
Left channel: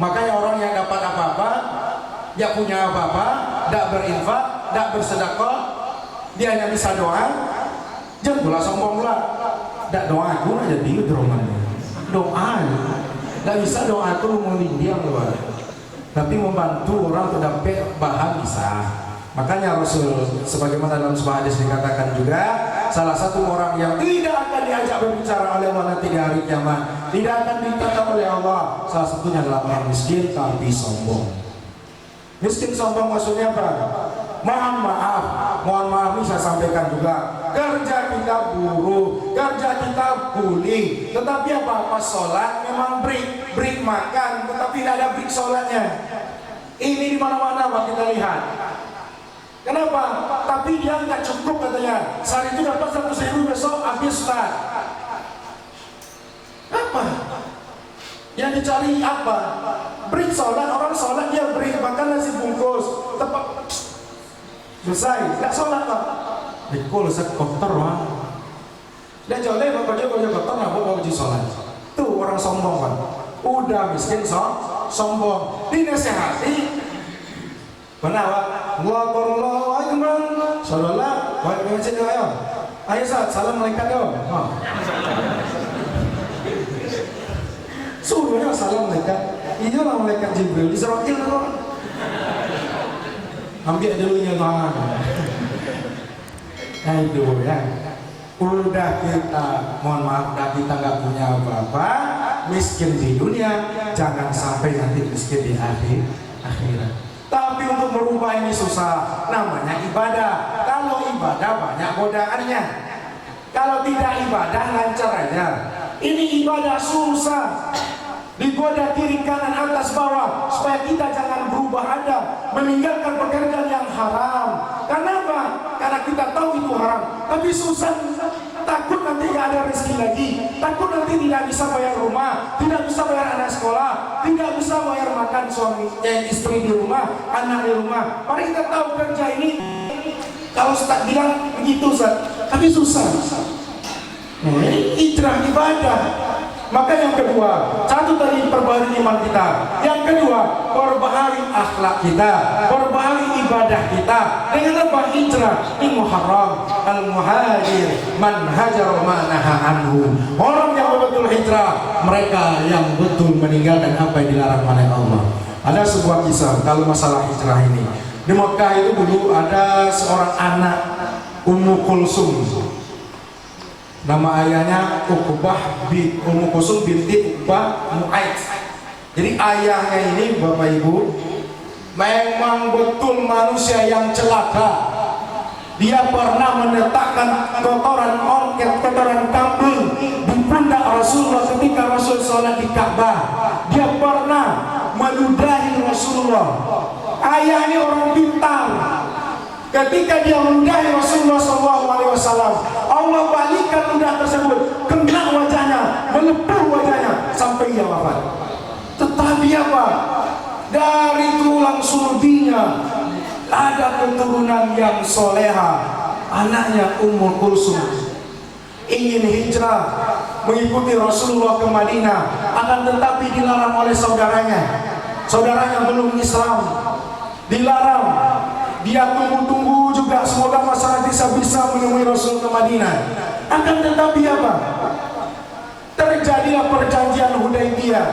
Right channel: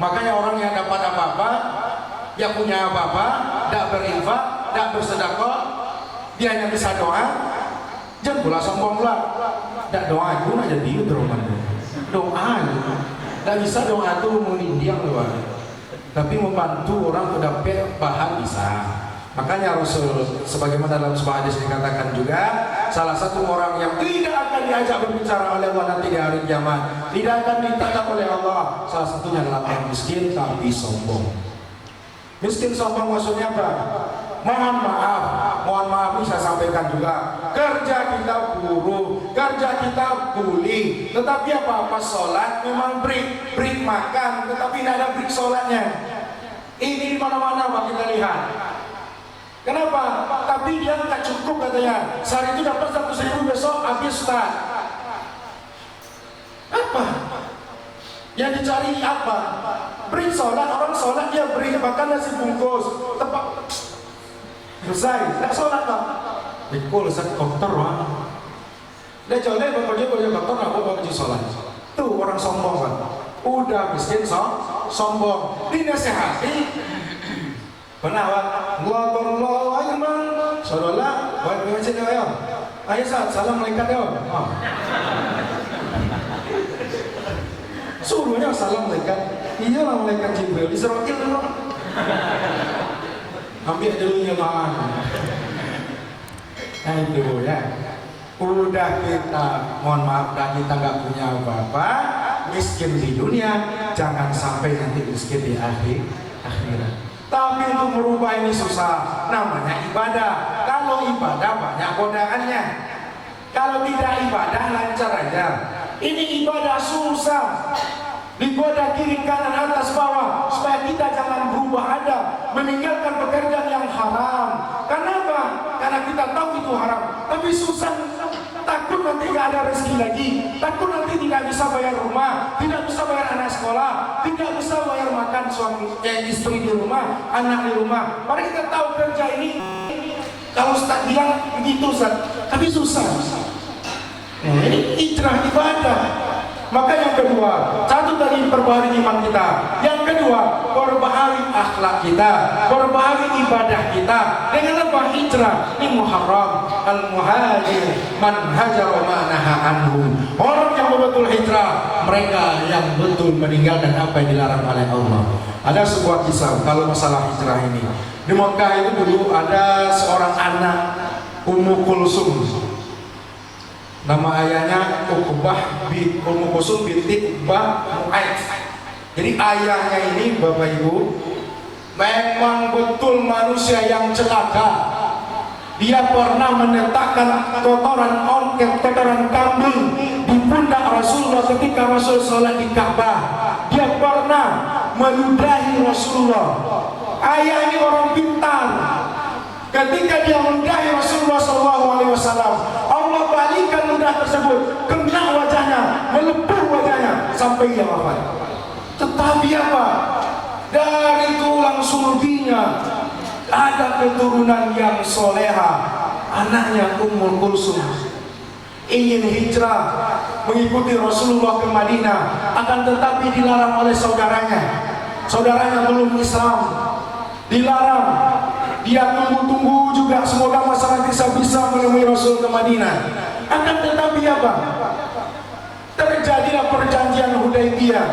Makanya orang yang dapat apa-apa, dia punya apa-apa, tidak berinfak, tidak bersedekah, dia hanya bisa doa, jangan pula sombong pula. Tidak doa aku aja dia doa, tidak bisa doa itu mengindiam loh. Tapi membantu orang untuk dapat bahan bisa. Makanya Rasul sebagaimana dalam sebuah hadis dikatakan juga, salah satu orang yang tidak akan diajak berbicara oleh Allah nanti di hari kiamat, tidak akan ditatap oleh Allah, salah satunya adalah orang miskin tapi sombong. Miskin sombong maksudnya apa? Mohon maaf ini saya sampaikan juga. Kerja kita buruh, kerja kita kuli, tetapi apa sholat memang break makan, tetapi tidak ada break sholatnya. Ini di mana-mana Pak kita lihat. Kenapa? Tapi dia nggak cukup katanya. Sehari itu dapat 100.000, besok habis Ustaz. Apa? Yang dicari apa? Beri sholat, orang sholat dia beri makan nasi bungkus, tepat selesai, tidak sholat Pak. Dikul sekopter Pak. Dia colek bapak dia kotor, apa baju sholat? Tuh orang sombong Pak. Udah miskin sombong. Dinasehati. Benar Pak. Allahu Akbar. Saudara, baik sini ayo. Ayo salam malaikat yo. Sungguhnya salam malaikat. Iya lah malaikat Jibril. Israfil dulu. Ambil dulu nyaman. Nah itu ya. Udah kita, mohon maaf, kita nggak punya apa-apa, miskin di dunia, jangan sampai nanti miskin di akhirat. Tapi untuk merubah ini susah, namanya ibadah. Kalau ibadah banyak godaannya. Kalau tidak ibadah lancar aja. Ini ibadah susah. Digoda kiri kanan atas bawah supaya kita jangan berubah ada, meninggalkan pekerjaan yang haram. Kenapa? Karena kita tahu itu haram. Tapi susah, takut nanti tidak ada rezeki lagi, takut nanti tidak bisa bayar rumah, tidak bisa bayar anak sekolah, tidak bisa bayar makan suami istri di rumah, anak di rumah. Mari kita tahu kerja ini kalau Ustaz bilang begitu Ustaz, tapi susah. Ini hijrah ibadah. Maka yang kedua, satu tadi perbaharui iman kita. Yang kedua, perbaharui akhlak kita, perbaharui ibadah kita. Dengan apa? Hijrah. Ini Muharram. Al-muhajir man hajar ma naha anhu. Orang yang betul hijrah, mereka yang betul meninggalkan apa yang dilarang oleh Allah. Ada sebuah kisah kalau masalah hijrah ini. Di Mekah itu dulu ada seorang anak Ummu Kulsum. Nama ayahnya Ummu Kulsum binti Uqbah Mu'aid. Jadi ayahnya ini Bapak Ibu memang betul manusia yang celaka. Dia pernah meletakkan kotoran ongket, kotoran kambing di pundak Rasulullah ketika Rasul sholat di Ka'bah. Dia pernah meludahi Rasulullah. Ayah ini orang pintar. Ketika dia meludahi Rasulullah SAW, Allah balikan ludah tersebut, kena wajahnya, melepuh wajahnya sampai ia wafat. Tetapi apa? Dari tulang sulbinya ada keturunan yang soleha, anaknya Ummu Kulsum ingin hijrah mengikuti Rasulullah ke Madinah, akan tetapi dilarang oleh saudaranya. Saudaranya belum Islam, dilarang. Dia tunggu-tunggu juga semoga masalah bisa menemui Rasul ke Madinah. Akan tetapi apa? Terjadilah perjanjian Hudaybiyah.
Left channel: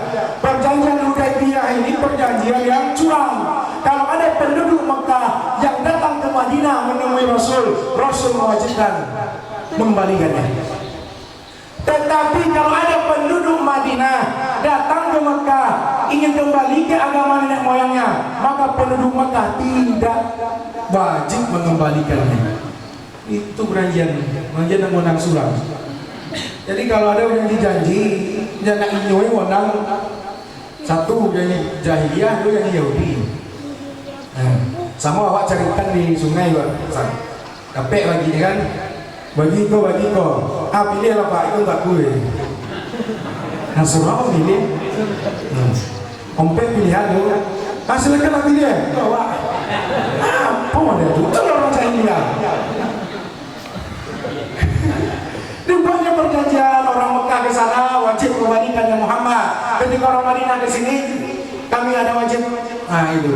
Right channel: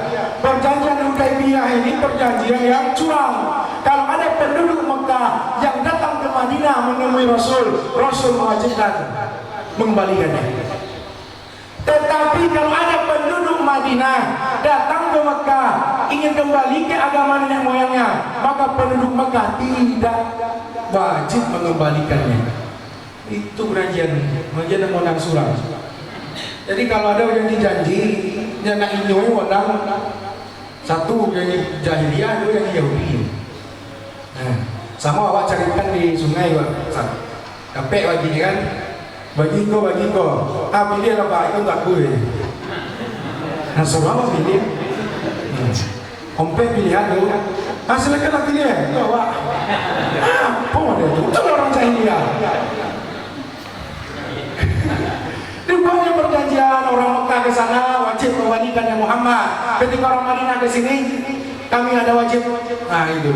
Perjanjian Hudaybiyah ini perjanjian yang curang. Kalau ada penduduk Mekah yang datang ke Madinah menemui Rasul, Rasul mewajibkan mengembalikannya. Tetapi kalau ada penduduk Madinah datang ke Mekah ingin kembali ke agama nenek moyangnya, maka penduduk Mekah tidak wajib mengembalikannya. Itu perjanjian yang menang sulam. Jadi kalau ada yang dijanji, dia nak inyoi wandang satu yang jahiliyah, dua yang Yahudi. Nah, sama awak carikan di sungai Pak. Capek bagi kan? Bagi kau. Pilihlah Pak, itu tak gue. Nah, semua apa pilih? Ompe pilihan dulu. Silakan lah pilih. Awak. Apa dia tu? Itu orang jahiliyah. Dibuatnya perjanjian orang Mekah ke sana wajib kembalikan ya Muhammad. Ketika orang Madinah ke sini, kami ada wajib. Nah itu.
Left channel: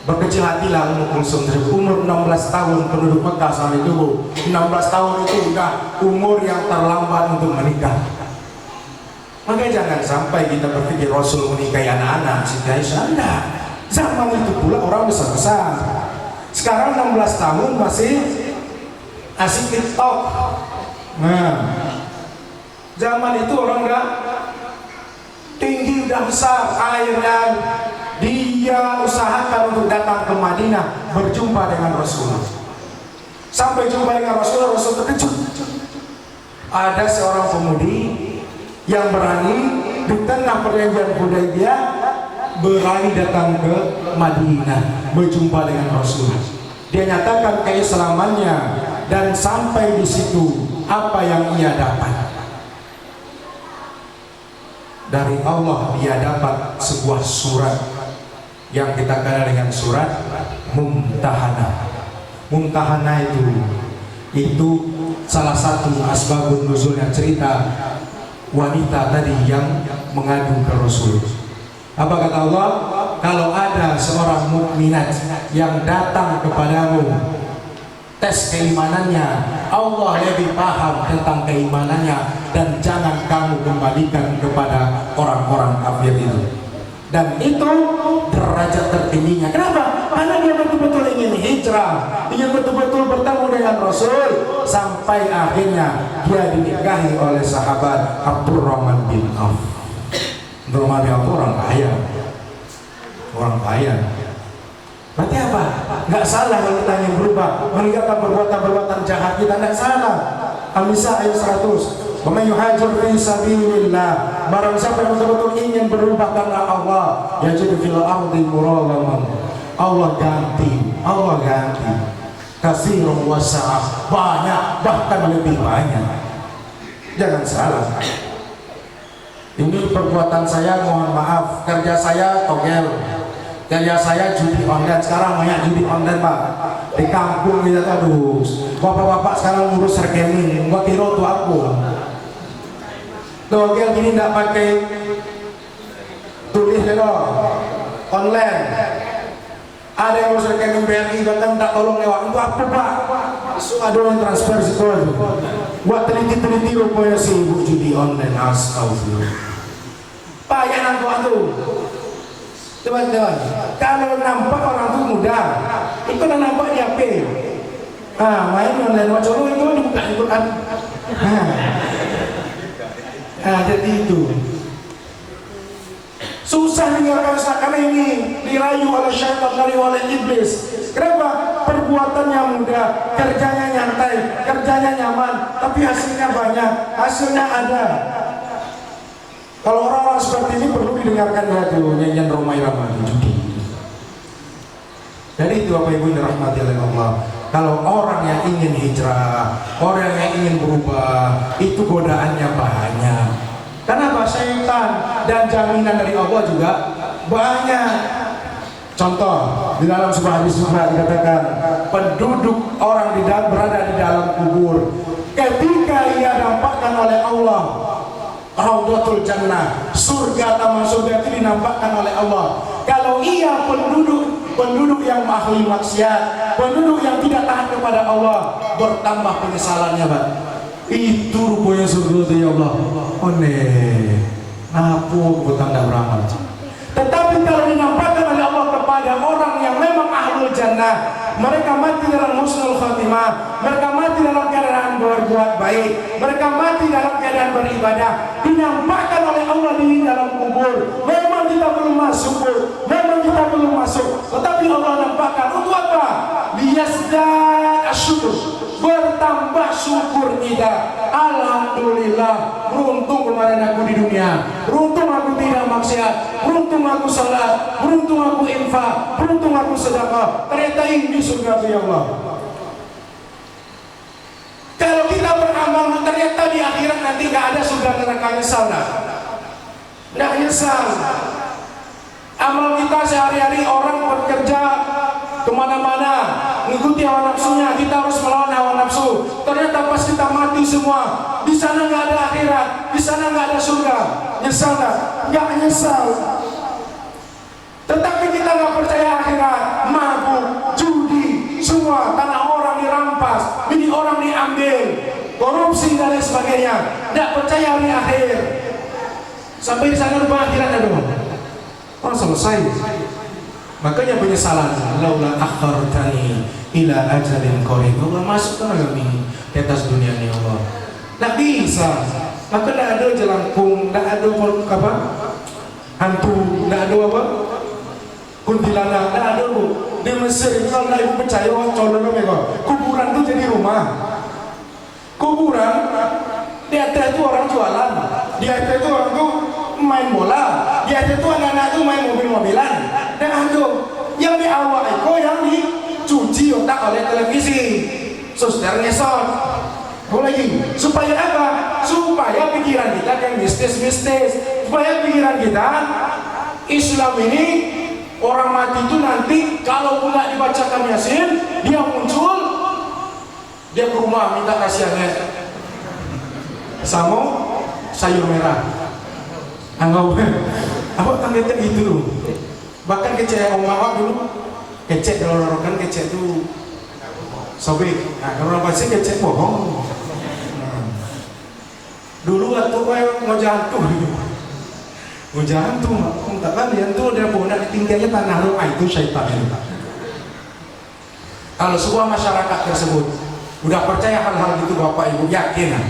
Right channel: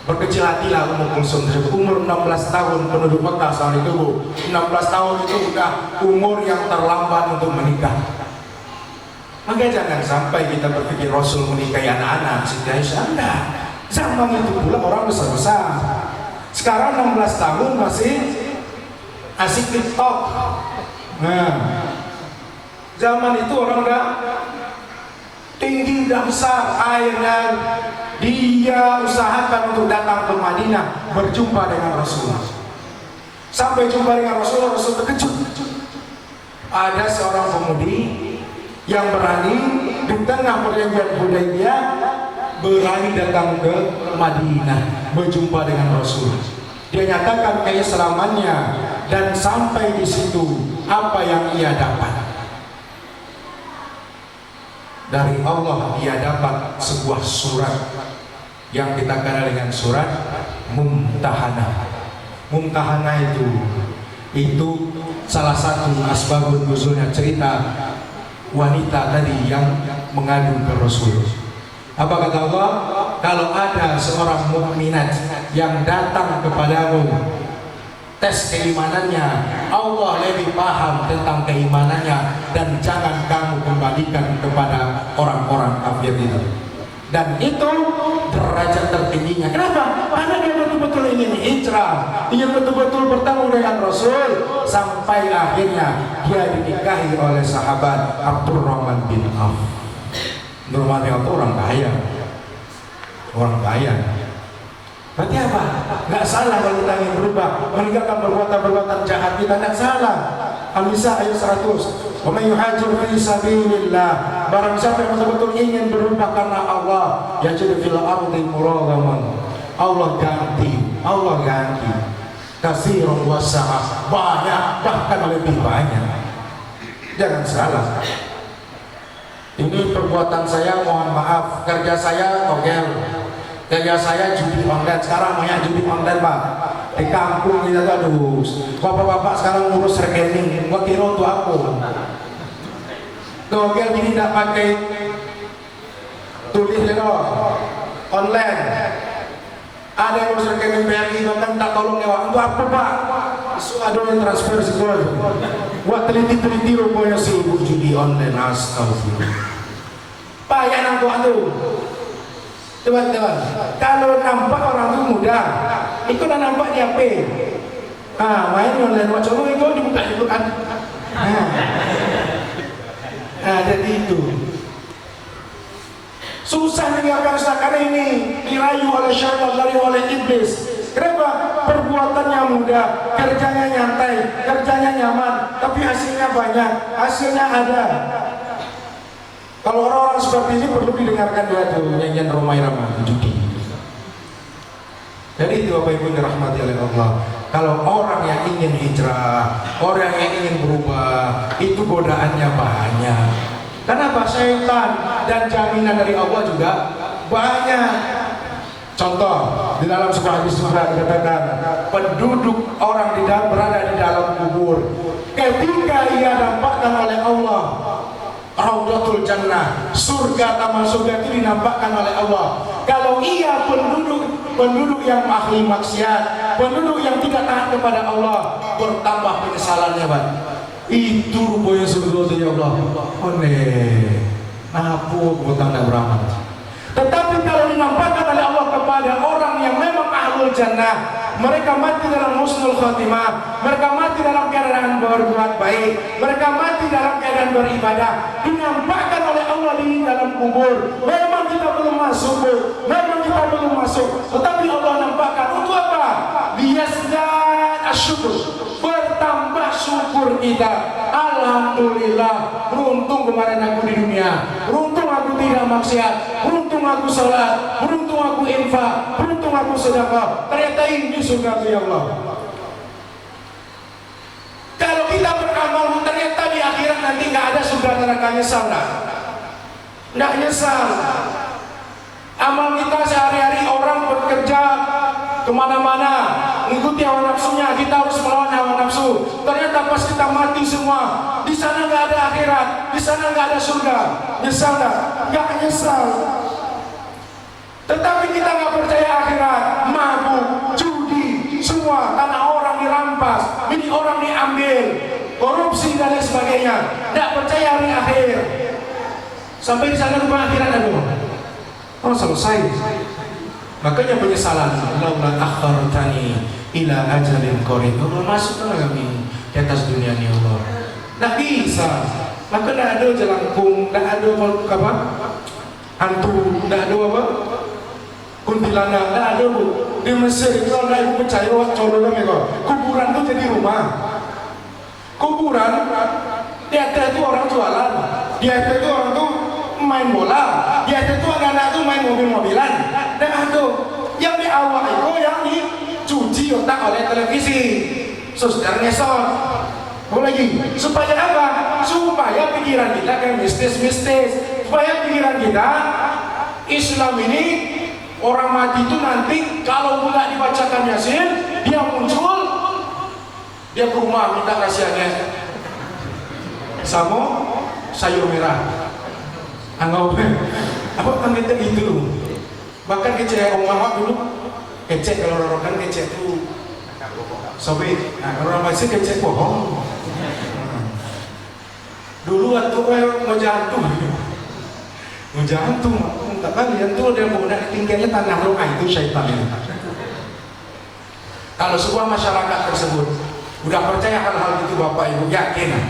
Berkecil hatilah Ummu Kulsum tersebut. Umur 16 tahun penduduk Mekah saat itu, Bu. 16 tahun itu udah umur yang terlambat untuk menikah. Maka jangan sampai kita berpikir Rasul menikahi anak-anak Siti Aisyah. Enggak. Zaman itu pula orang besar-besar. Sekarang 16 tahun masih asik TikTok. Nah, zaman itu orang udah tinggi, udah besar. Akhirnya dia usahakan untuk datang ke Madinah berjumpa dengan Rasulullah. Sampai jumpa dengan Rasulullah, Rasul terkejut. Ada seorang pemudi yang berani di tengah perjanjian Hudaybiyah berani datang ke Madinah berjumpa dengan Rasulullah. Dia nyatakan keislamannya dan sampai di situ apa yang ia dapat. Dari Allah dia dapat sebuah surat yang kita kenal dengan surat Mumtahanah. Mumtahanah itu salah satu asbabun nuzulnya, cerita wanita tadi yang mengadu ke Rasul. Apa kata Allah? Kalau ada seorang mukminat yang datang kepadamu, tes keimanannya, Allah lebih paham tentang keimanannya, dan jangan kamu kembalikan kepada orang-orang kafir itu. Dan itu derajat tertingginya. Kenapa? Karena dia betul-betul ingin hijrah, ingin betul-betul bertemu dengan Rasul, sampai akhirnya dia dinikahi oleh sahabat Abdurrahman bin Auf. Abdurrahman bin Auf orang kaya, orang kaya. Berarti apa? Nggak salah kalau kita ingin berubah, meninggalkan perbuatan-perbuatan jahat kita, nggak salah. Al-Nisa ayat 100. Wa man yuhajir fi sabilillah, barang siapa yang betul-betul ingin berubah karena Allah, yajid fil ardi muragaman. Allah ganti katsirun wasa'ah, banyak, bahkan lebih banyak. Jangan salah. Ini perbuatan saya, mohon maaf, kerja saya togel, kerja saya judi online. Sekarang banyak judi online, Pak. Di kampung kita tuh, aduh, bapak-bapak sekarang ngurus rekening, gua kira tuh aku togel gini tidak pakai tulis loh, online. Ada yang ngurus rekening BRI, bahkan tak tolong lewat. Itu apa, Pak? Ada yang transfer situ. Buat teliti-teliti rupanya si ibu judi online. Astagfirullah. Pak, ya nampak tuh. Teman-teman, kalau nampak orang itu mudah, itu udah nampak di HP. Main online macam itu dibuka di Quran. Jadi itu susah meninggalkan karena ini dirayu oleh syaitan, dirayu oleh iblis. Kenapa? Perbuatannya mudah, kerjanya nyantai, kerjanya nyaman, tapi hasilnya banyak, hasilnya ada. Kalau orang-orang seperti ini perlu didengarkan tuh nyanyian Romai Rama judi. Jadi itu Bapak Ibu dirahmati oleh Allah. Kalau orang yang ingin hijrah, orang yang ingin berubah, itu godaannya banyak. Kenapa? Syaitan dan jaminan dari Allah juga banyak. Contoh, di dalam sebuah hadis juga dikatakan, penduduk orang berada di dalam kubur, ketika ia dapatkan oleh Allah Raudatul Jannah, surga, taman surga itu dinampakkan oleh Allah. Kalau ia penduduk yang ahli maksiat, penduduk yang tidak taat kepada Allah, bertambah penyesalannya, Pak. Itu rupanya surga ya Allah. Aneh. Napu bukan tidak beramal. Tetapi kalau dinampakkan oleh Allah kepada orang yang memang ahlul jannah, mereka mati dalam husnul khatimah, mereka mati dalam keadaan berbuat baik, mereka mati dalam keadaan beribadah, dinampakkan oleh Allah di dalam kubur. Memang kita belum masuk, memang kita belum masuk, tetapi Allah nampakkan untuk apa? Liyazdad asyukur, bertambah syukur kita. Alhamdulillah, beruntung kemarin aku di dunia, beruntung aku tidak maksiat, beruntung aku salat, beruntung aku infak, beruntung aku sedekah. Ternyata ini surga ya Allah. Kalau kita beramal ternyata di akhirat nanti nggak ada surga neraka, nyesal nggak nyesal. Amal kita sehari-hari, orang bekerja kemana-mana mengikuti hawa nafsunya, kita harus melawan hawa nafsu. Ternyata pas kita mati semua, di sana nggak ada akhirat, di sana nggak ada surga. Nyesal nggak? Nggak nyesal. Tetapi kita nggak percaya akhirat, mabuk, judi, semua tanah orang dirampas, ini orang diambil, korupsi dan lain sebagainya. Nggak percaya hari akhir. Sampai di sana lupa akhirat ada. Oh selesai. Makanya penyesalan, laula akhartani ila ajalin qarib. Allah masuk kami di atas dunia ini Allah. Nggak bisa. Maka nggak ada jelangkung, nggak ada apa? Hantu, nggak ada apa? Kuntilanak, nggak ada bu. Di Mesir itu kalau ibu percaya wah colok mereka. Kuburan itu jadi rumah. Kuburan di atas itu orang jualan, di atas itu orang tuh main bola, di atas itu anak-anak itu main mobil-mobilan. Dan itu yang di awal itu yang dicuci otak oleh televisi, sosial ngesot. Lagi supaya apa? Supaya pikiran kita kan mistis-mistis, supaya pikiran kita Islam ini orang mati itu nanti kalau pula dibacakan Yasin, dia muncul, dia ke rumah minta kasihannya sama sayur merah. Anggap apa tanda itu? Bahkan kecek orang awak dulu, kecek kalau orang kan kecek itu sobek. Nah kalau orang pasti kecek bohong. Dulu waktu mau jantung, tak kalian tuh udah bonak tinggalnya tanah doa itu syaitan itu. Kalau sebuah masyarakat tersebut udah percaya hal-hal itu bapak ibu yakin,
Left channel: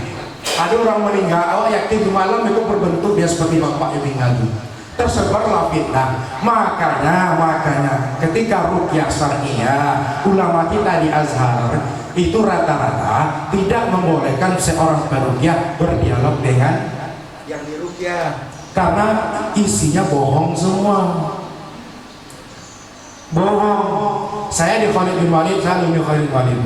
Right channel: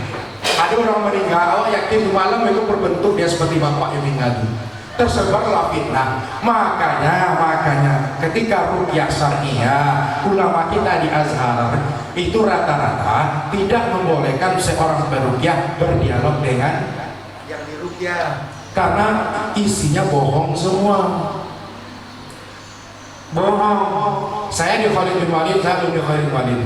ada orang meninggal, awak yakin di malam itu berbentuk dia seperti bapak ibu tadi. Tersebarlah fitnah. Makanya ketika ruqyah syar'iyyah ulama kita di Azhar itu rata-rata tidak membolehkan seorang peruqyah berdialog dengan yang diruqyah karena isinya bohong semua. Bohong. Saya di Khalid bin Walid, saya di Khalid bin Walid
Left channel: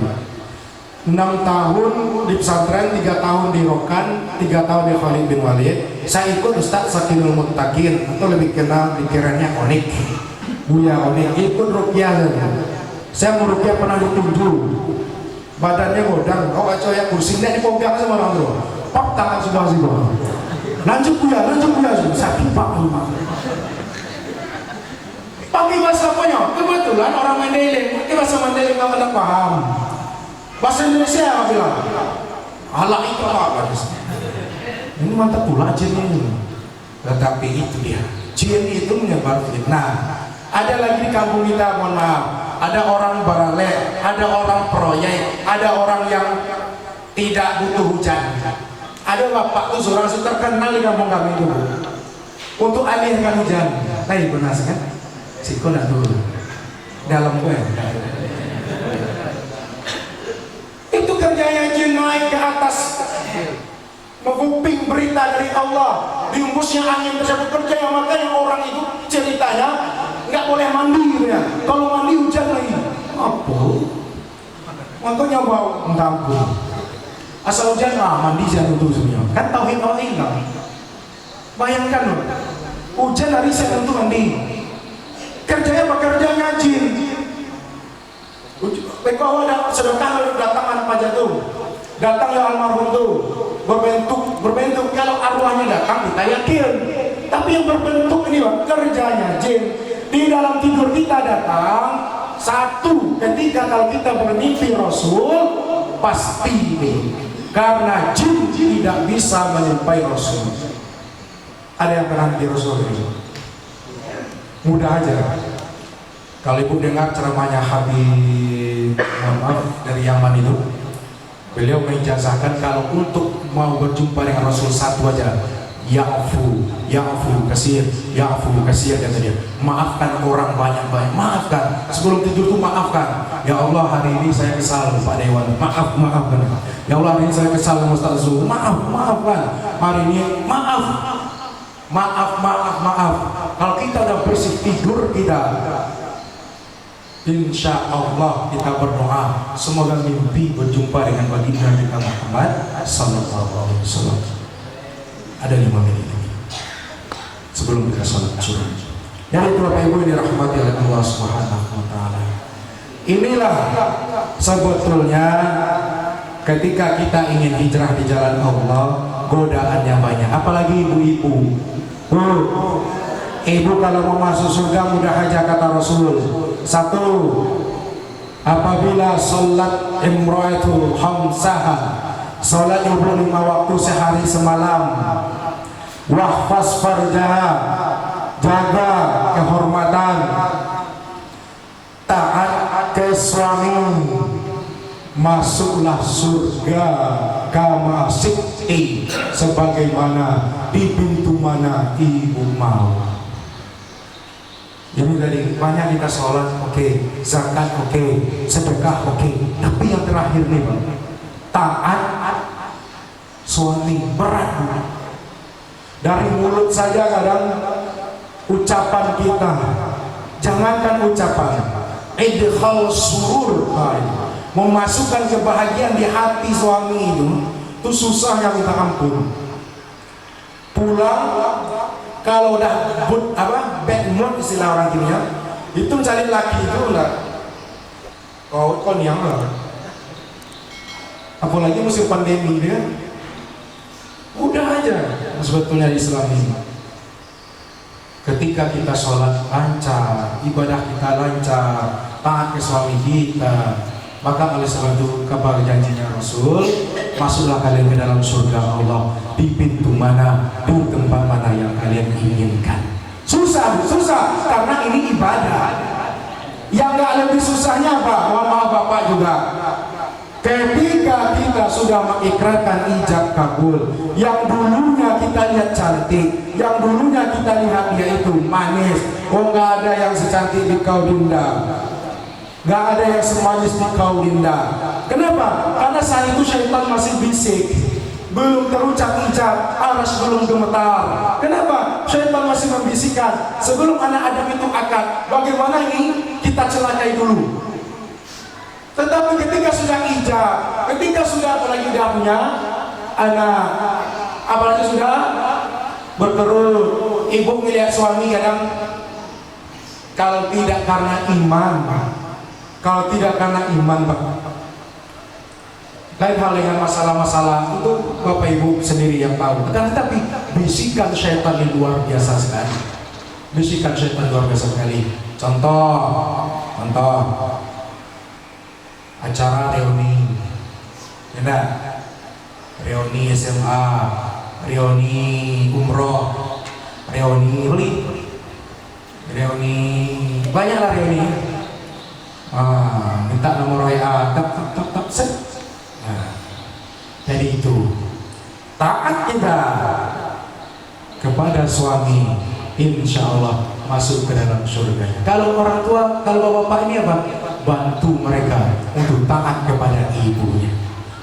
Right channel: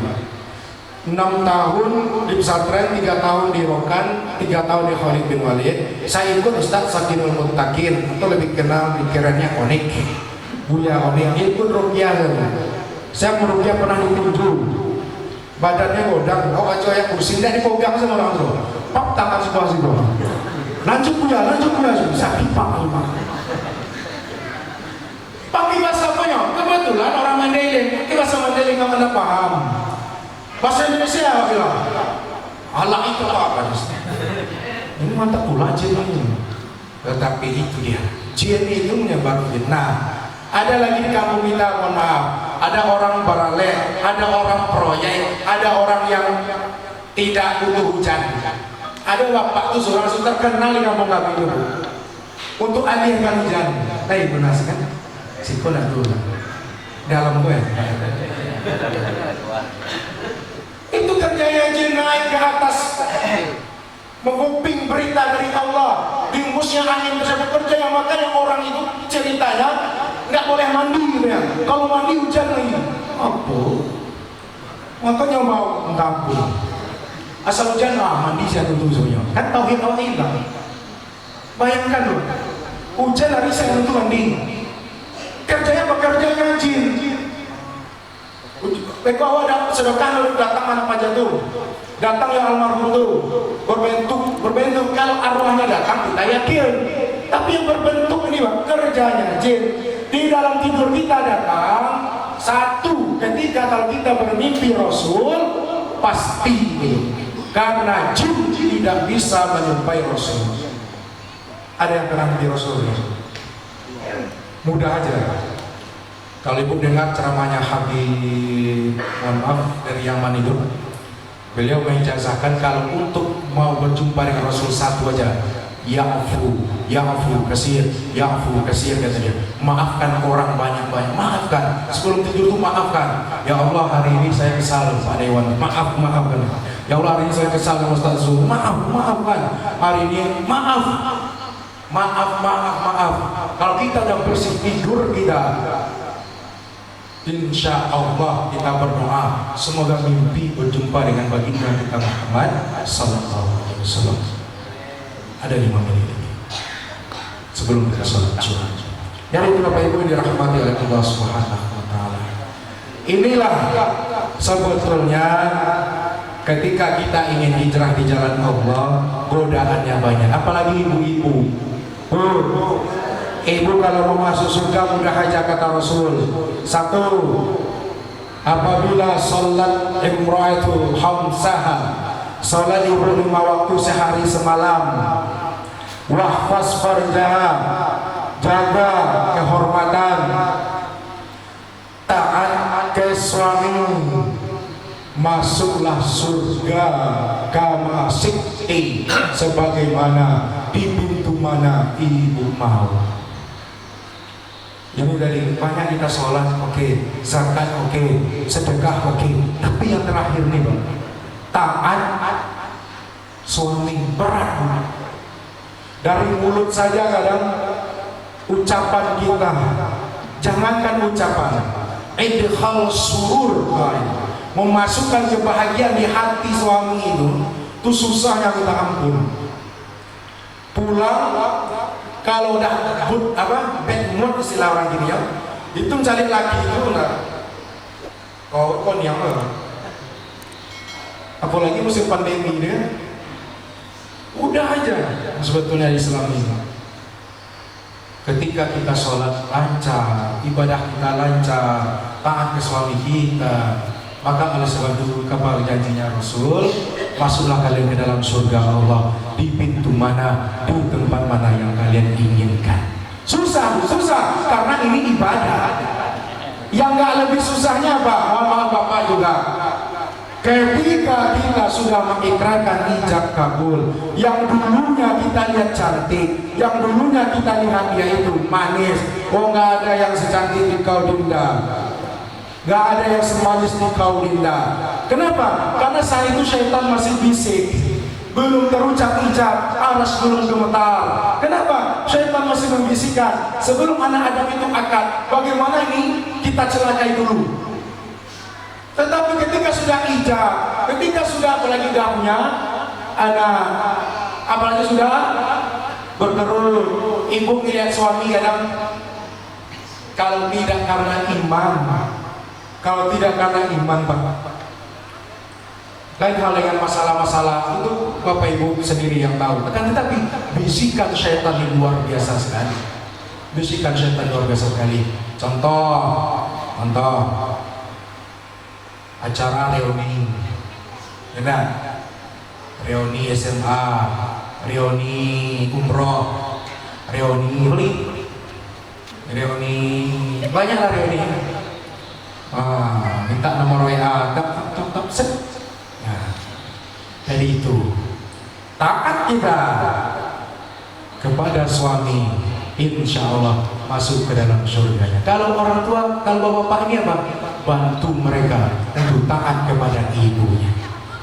6 tahun di pesantren, 3 tahun di Rokan, 3 tahun di Khalid bin Walid. Saya ikut Ustaz Sakinul Muttaqin atau lebih kenal pikirannya Onik, Buya Onik, ikut ruqyah. Saya mau ruqyah pernah ditunjuk, badannya godang, coya kursi tidak dipegang sama orang tua, pak tangan semua. Lanjut Buya, saya pipak lima. Pakai bahasa apanya? Kebetulan orang Mandailing, pakai bahasa Mandailing nggak ada paham. Bahasa Indonesia apa bilang? Allah itu apa? Ini mantap pula jin ini. Tetapi itu dia, jin itu menyebar fitnah. Ada lagi di kampung kita, mohon maaf, ada orang baralek, ada orang proyek, ada orang yang tidak butuh hujan. Ada bapak tuh seorang terkenal di kampung kami itu untuk alihkan hujan. Tapi benar kan? Siko nak dulu dalam gue. Itu kerjanya jin naik ke atas, menguping berita dari Allah, diumbusnya angin tersebut percaya. Makanya orang itu ceritanya nggak boleh mandi gitu ya. Kalau mandi hujan lagi, apa? Makanya mau mentampung. Asal hujan mandi saya tentu semuanya. Kan tauhid Allah hilang. Bayangkan loh, hujan hari saya tentu mandi. Kerjanya pekerjanya jin. Kalau ada sedekah lalu datang anak pajak tuh, datang yang almarhum tuh berbentuk. Kalau arwahnya datang kita yakin, tapi yang berbentuk ini bang kerjanya jin. Di dalam tidur kita datang satu ketika kalau kita bermimpi Rasul pasti karena jin tidak bisa menyerupai Rasul. Ada yang pernah mimpi Rasul ini? Mudah aja. Kalau ibu dengar ceramahnya Habib, mohon maaf, dari Yaman itu, beliau menjazahkan kalau untuk mau berjumpa dengan Rasul satu aja, ya'fu kasir, kata dia. Maafkan orang banyak-banyak, maafkan. Sebelum tidur tuh maafkan. Ya Allah, hari ini saya kesal Pak Dewan, maafkan. Ya Allah, hari ini saya kesal dengan Ustaz Zuhur, maafkan. Hari ini maaf. Kalau kita udah bersih tidur kita, insya Allah kita berdoa semoga mimpi berjumpa dengan baginda kita Muhammad sallallahu alaihi wasallam. Ada 5 menit sebelum kita sholat Jumat. Yang itu Bapak Ibu dirahmati oleh Allah Subhanahu wa taala. Inilah sebetulnya ketika kita ingin hijrah di jalan Allah, godaannya banyak. Apalagi ibu-ibu. Ibu kalau mau masuk surga mudah aja kata Rasul. Satu, apabila sholat imra'atul khamsaha, sholat ibu 5 waktu sehari semalam, wahfaz farjaha, jaga kehormatan, taat ke suami, masuklah surga kama sikti, sebagaimana di pintu mana ibu mau. Yang dari banyak kita sholat oke, zakat oke, sedekah oke, tapi yang terakhir nih Bang, taat suami berat. Dari mulut saja kadang ucapan kita, jangankan ucapan, idkhal surur, memasukkan kebahagiaan di hati suami itu susahnya minta ampun. Pulang kalau udah bad mood istilah orang gini ya, itu cari laki itu enggak kau yang apalagi musim pandemi dia udah aja. Sebetulnya Islam ini ketika kita sholat lancar, ibadah kita lancar, taat ke suami kita, maka oleh sebab itu kabar janjinya Rasul, masuklah kalian ke dalam surga Allah di pintu mana, di tempat mana yang kalian inginkan. Susah karena ini ibadah. Yang gak lebih susahnya apa? Mohon maaf Bapak juga, ketika kita sudah mengikrarkan ijab kabul, yang dulunya kita lihat cantik, yang dulunya kita lihat dia itu manis, gak ada yang secantik di kau Dinda, gak ada yang semanis di kau Dinda. Kenapa? Karena saat itu syaitan masih bisik, belum terucap ijab, aras belum gemetar. Kenapa? Syaitan masih membisikkan sebelum anak Adam itu akad, bagaimana ini kita celakai dulu. Tetapi ketika sudah ijab, ketika sudah apalagi udah punya anak, apalagi sudah berkerut, ibu melihat suami kadang kalau tidak karena iman, Pak, lain hal dengan masalah-masalah itu Bapak Ibu sendiri yang tahu. Tetapi bisikan syaitan luar biasa sekali. Contoh acara reuni, reuni SMA, reuni umroh, reuni banyaklah reuni. Minta nomor WA, set. Jadi itu taat kita kepada suami, insya Allah masuk ke dalam surga. Kalau orang tua, kalau bapak ini apa? Bantu mereka untuk taat kepada ibunya,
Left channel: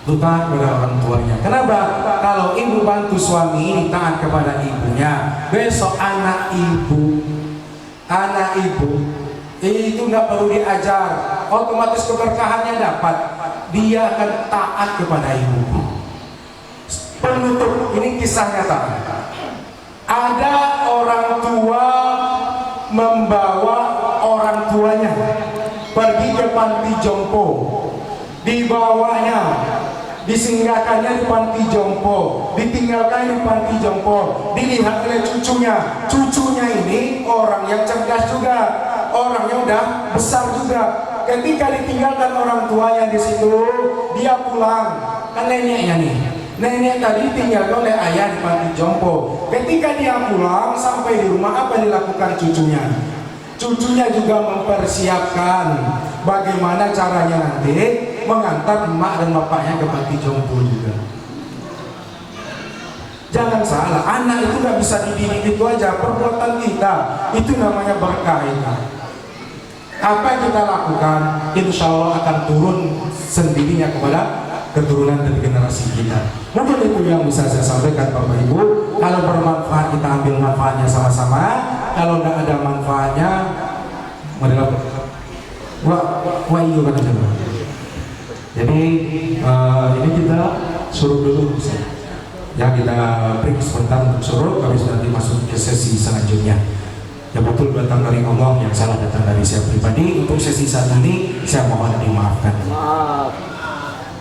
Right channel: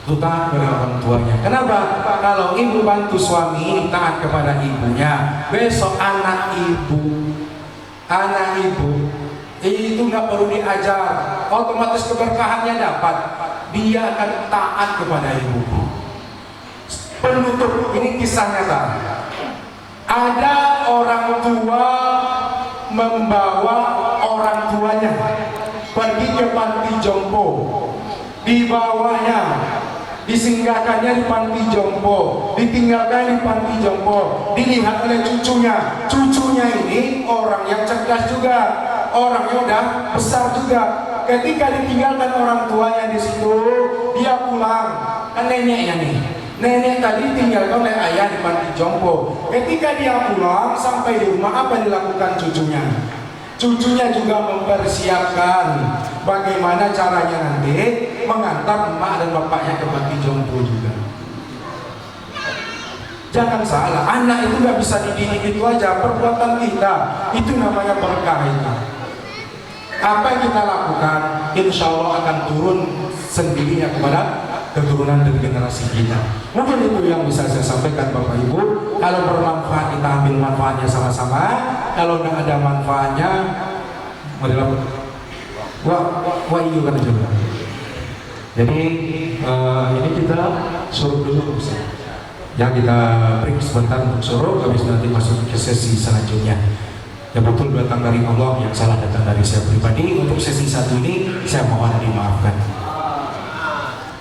untuk taat kepada orang tuanya. Kenapa? Kalau ibu bantu suami ini taat kepada ibunya, besok anak ibu itu nggak perlu diajar, otomatis keberkahannya dapat. Dia akan taat kepada ibu. Penutup, ini kisah nyata. Ada orang tua membawa orang tuanya pergi ke panti jompo, dibawanya, disinggahkannya di panti jompo, ditinggalkan di panti jompo, dilihat oleh cucunya. Cucunya ini orang yang cerdas juga, orangnya udah besar juga. Ketika ditinggalkan orang tuanya di situ, dia pulang. Kan neneknya nih, nenek tadi ditinggalkan oleh ayah di panti jompo. Ketika dia pulang sampai di rumah, apa dilakukan cucunya? Cucunya juga mempersiapkan bagaimana caranya nanti mengantar emak dan bapaknya ke panti jompo juga. Jangan salah, anak itu nggak bisa dididik itu aja. Perbuatan kita itu namanya berkah. Apa yang kita lakukan, insya Allah akan turun sendirinya kepada keturunan dan generasi kita. Mungkin itu yang bisa saya sampaikan Bapak Ibu. Kalau bermanfaat kita ambil manfaatnya sama-sama. Kalau tidak ada manfaatnya, wah iya kan juga. Jadi ini kita suruh dulu, ya kita break sebentar untuk suruh, habis nanti masuk ke sesi selanjutnya. ya betul datang dari Allah, yang salah datang dari saya pribadi. Untuk sesi satu ini saya mohon dimaafkan.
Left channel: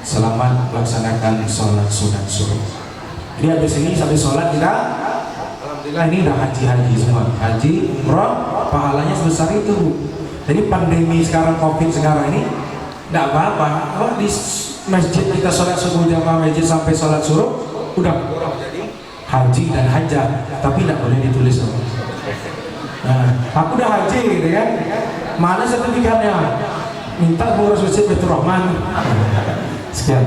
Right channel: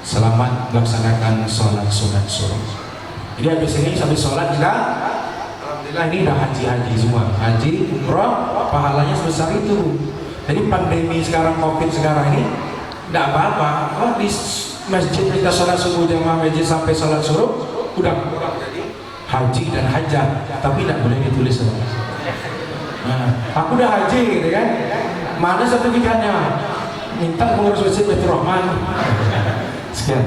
Selamat melaksanakan sholat sunat subuh. Jadi habis ini sampai sholat kita, alhamdulillah ini udah haji semua, haji umroh, pahalanya sebesar itu. Jadi pandemi sekarang, covid sekarang ini tidak apa-apa. Oh, di masjid kita sholat subuh jamaah masjid sampai sholat suruh udah kurang jadi haji dan hajah, tapi tidak boleh ditulis. Nah, aku udah haji gitu kan, mana sertifikatnya? Minta pengurus masjid Baitur Rahman. Sekian.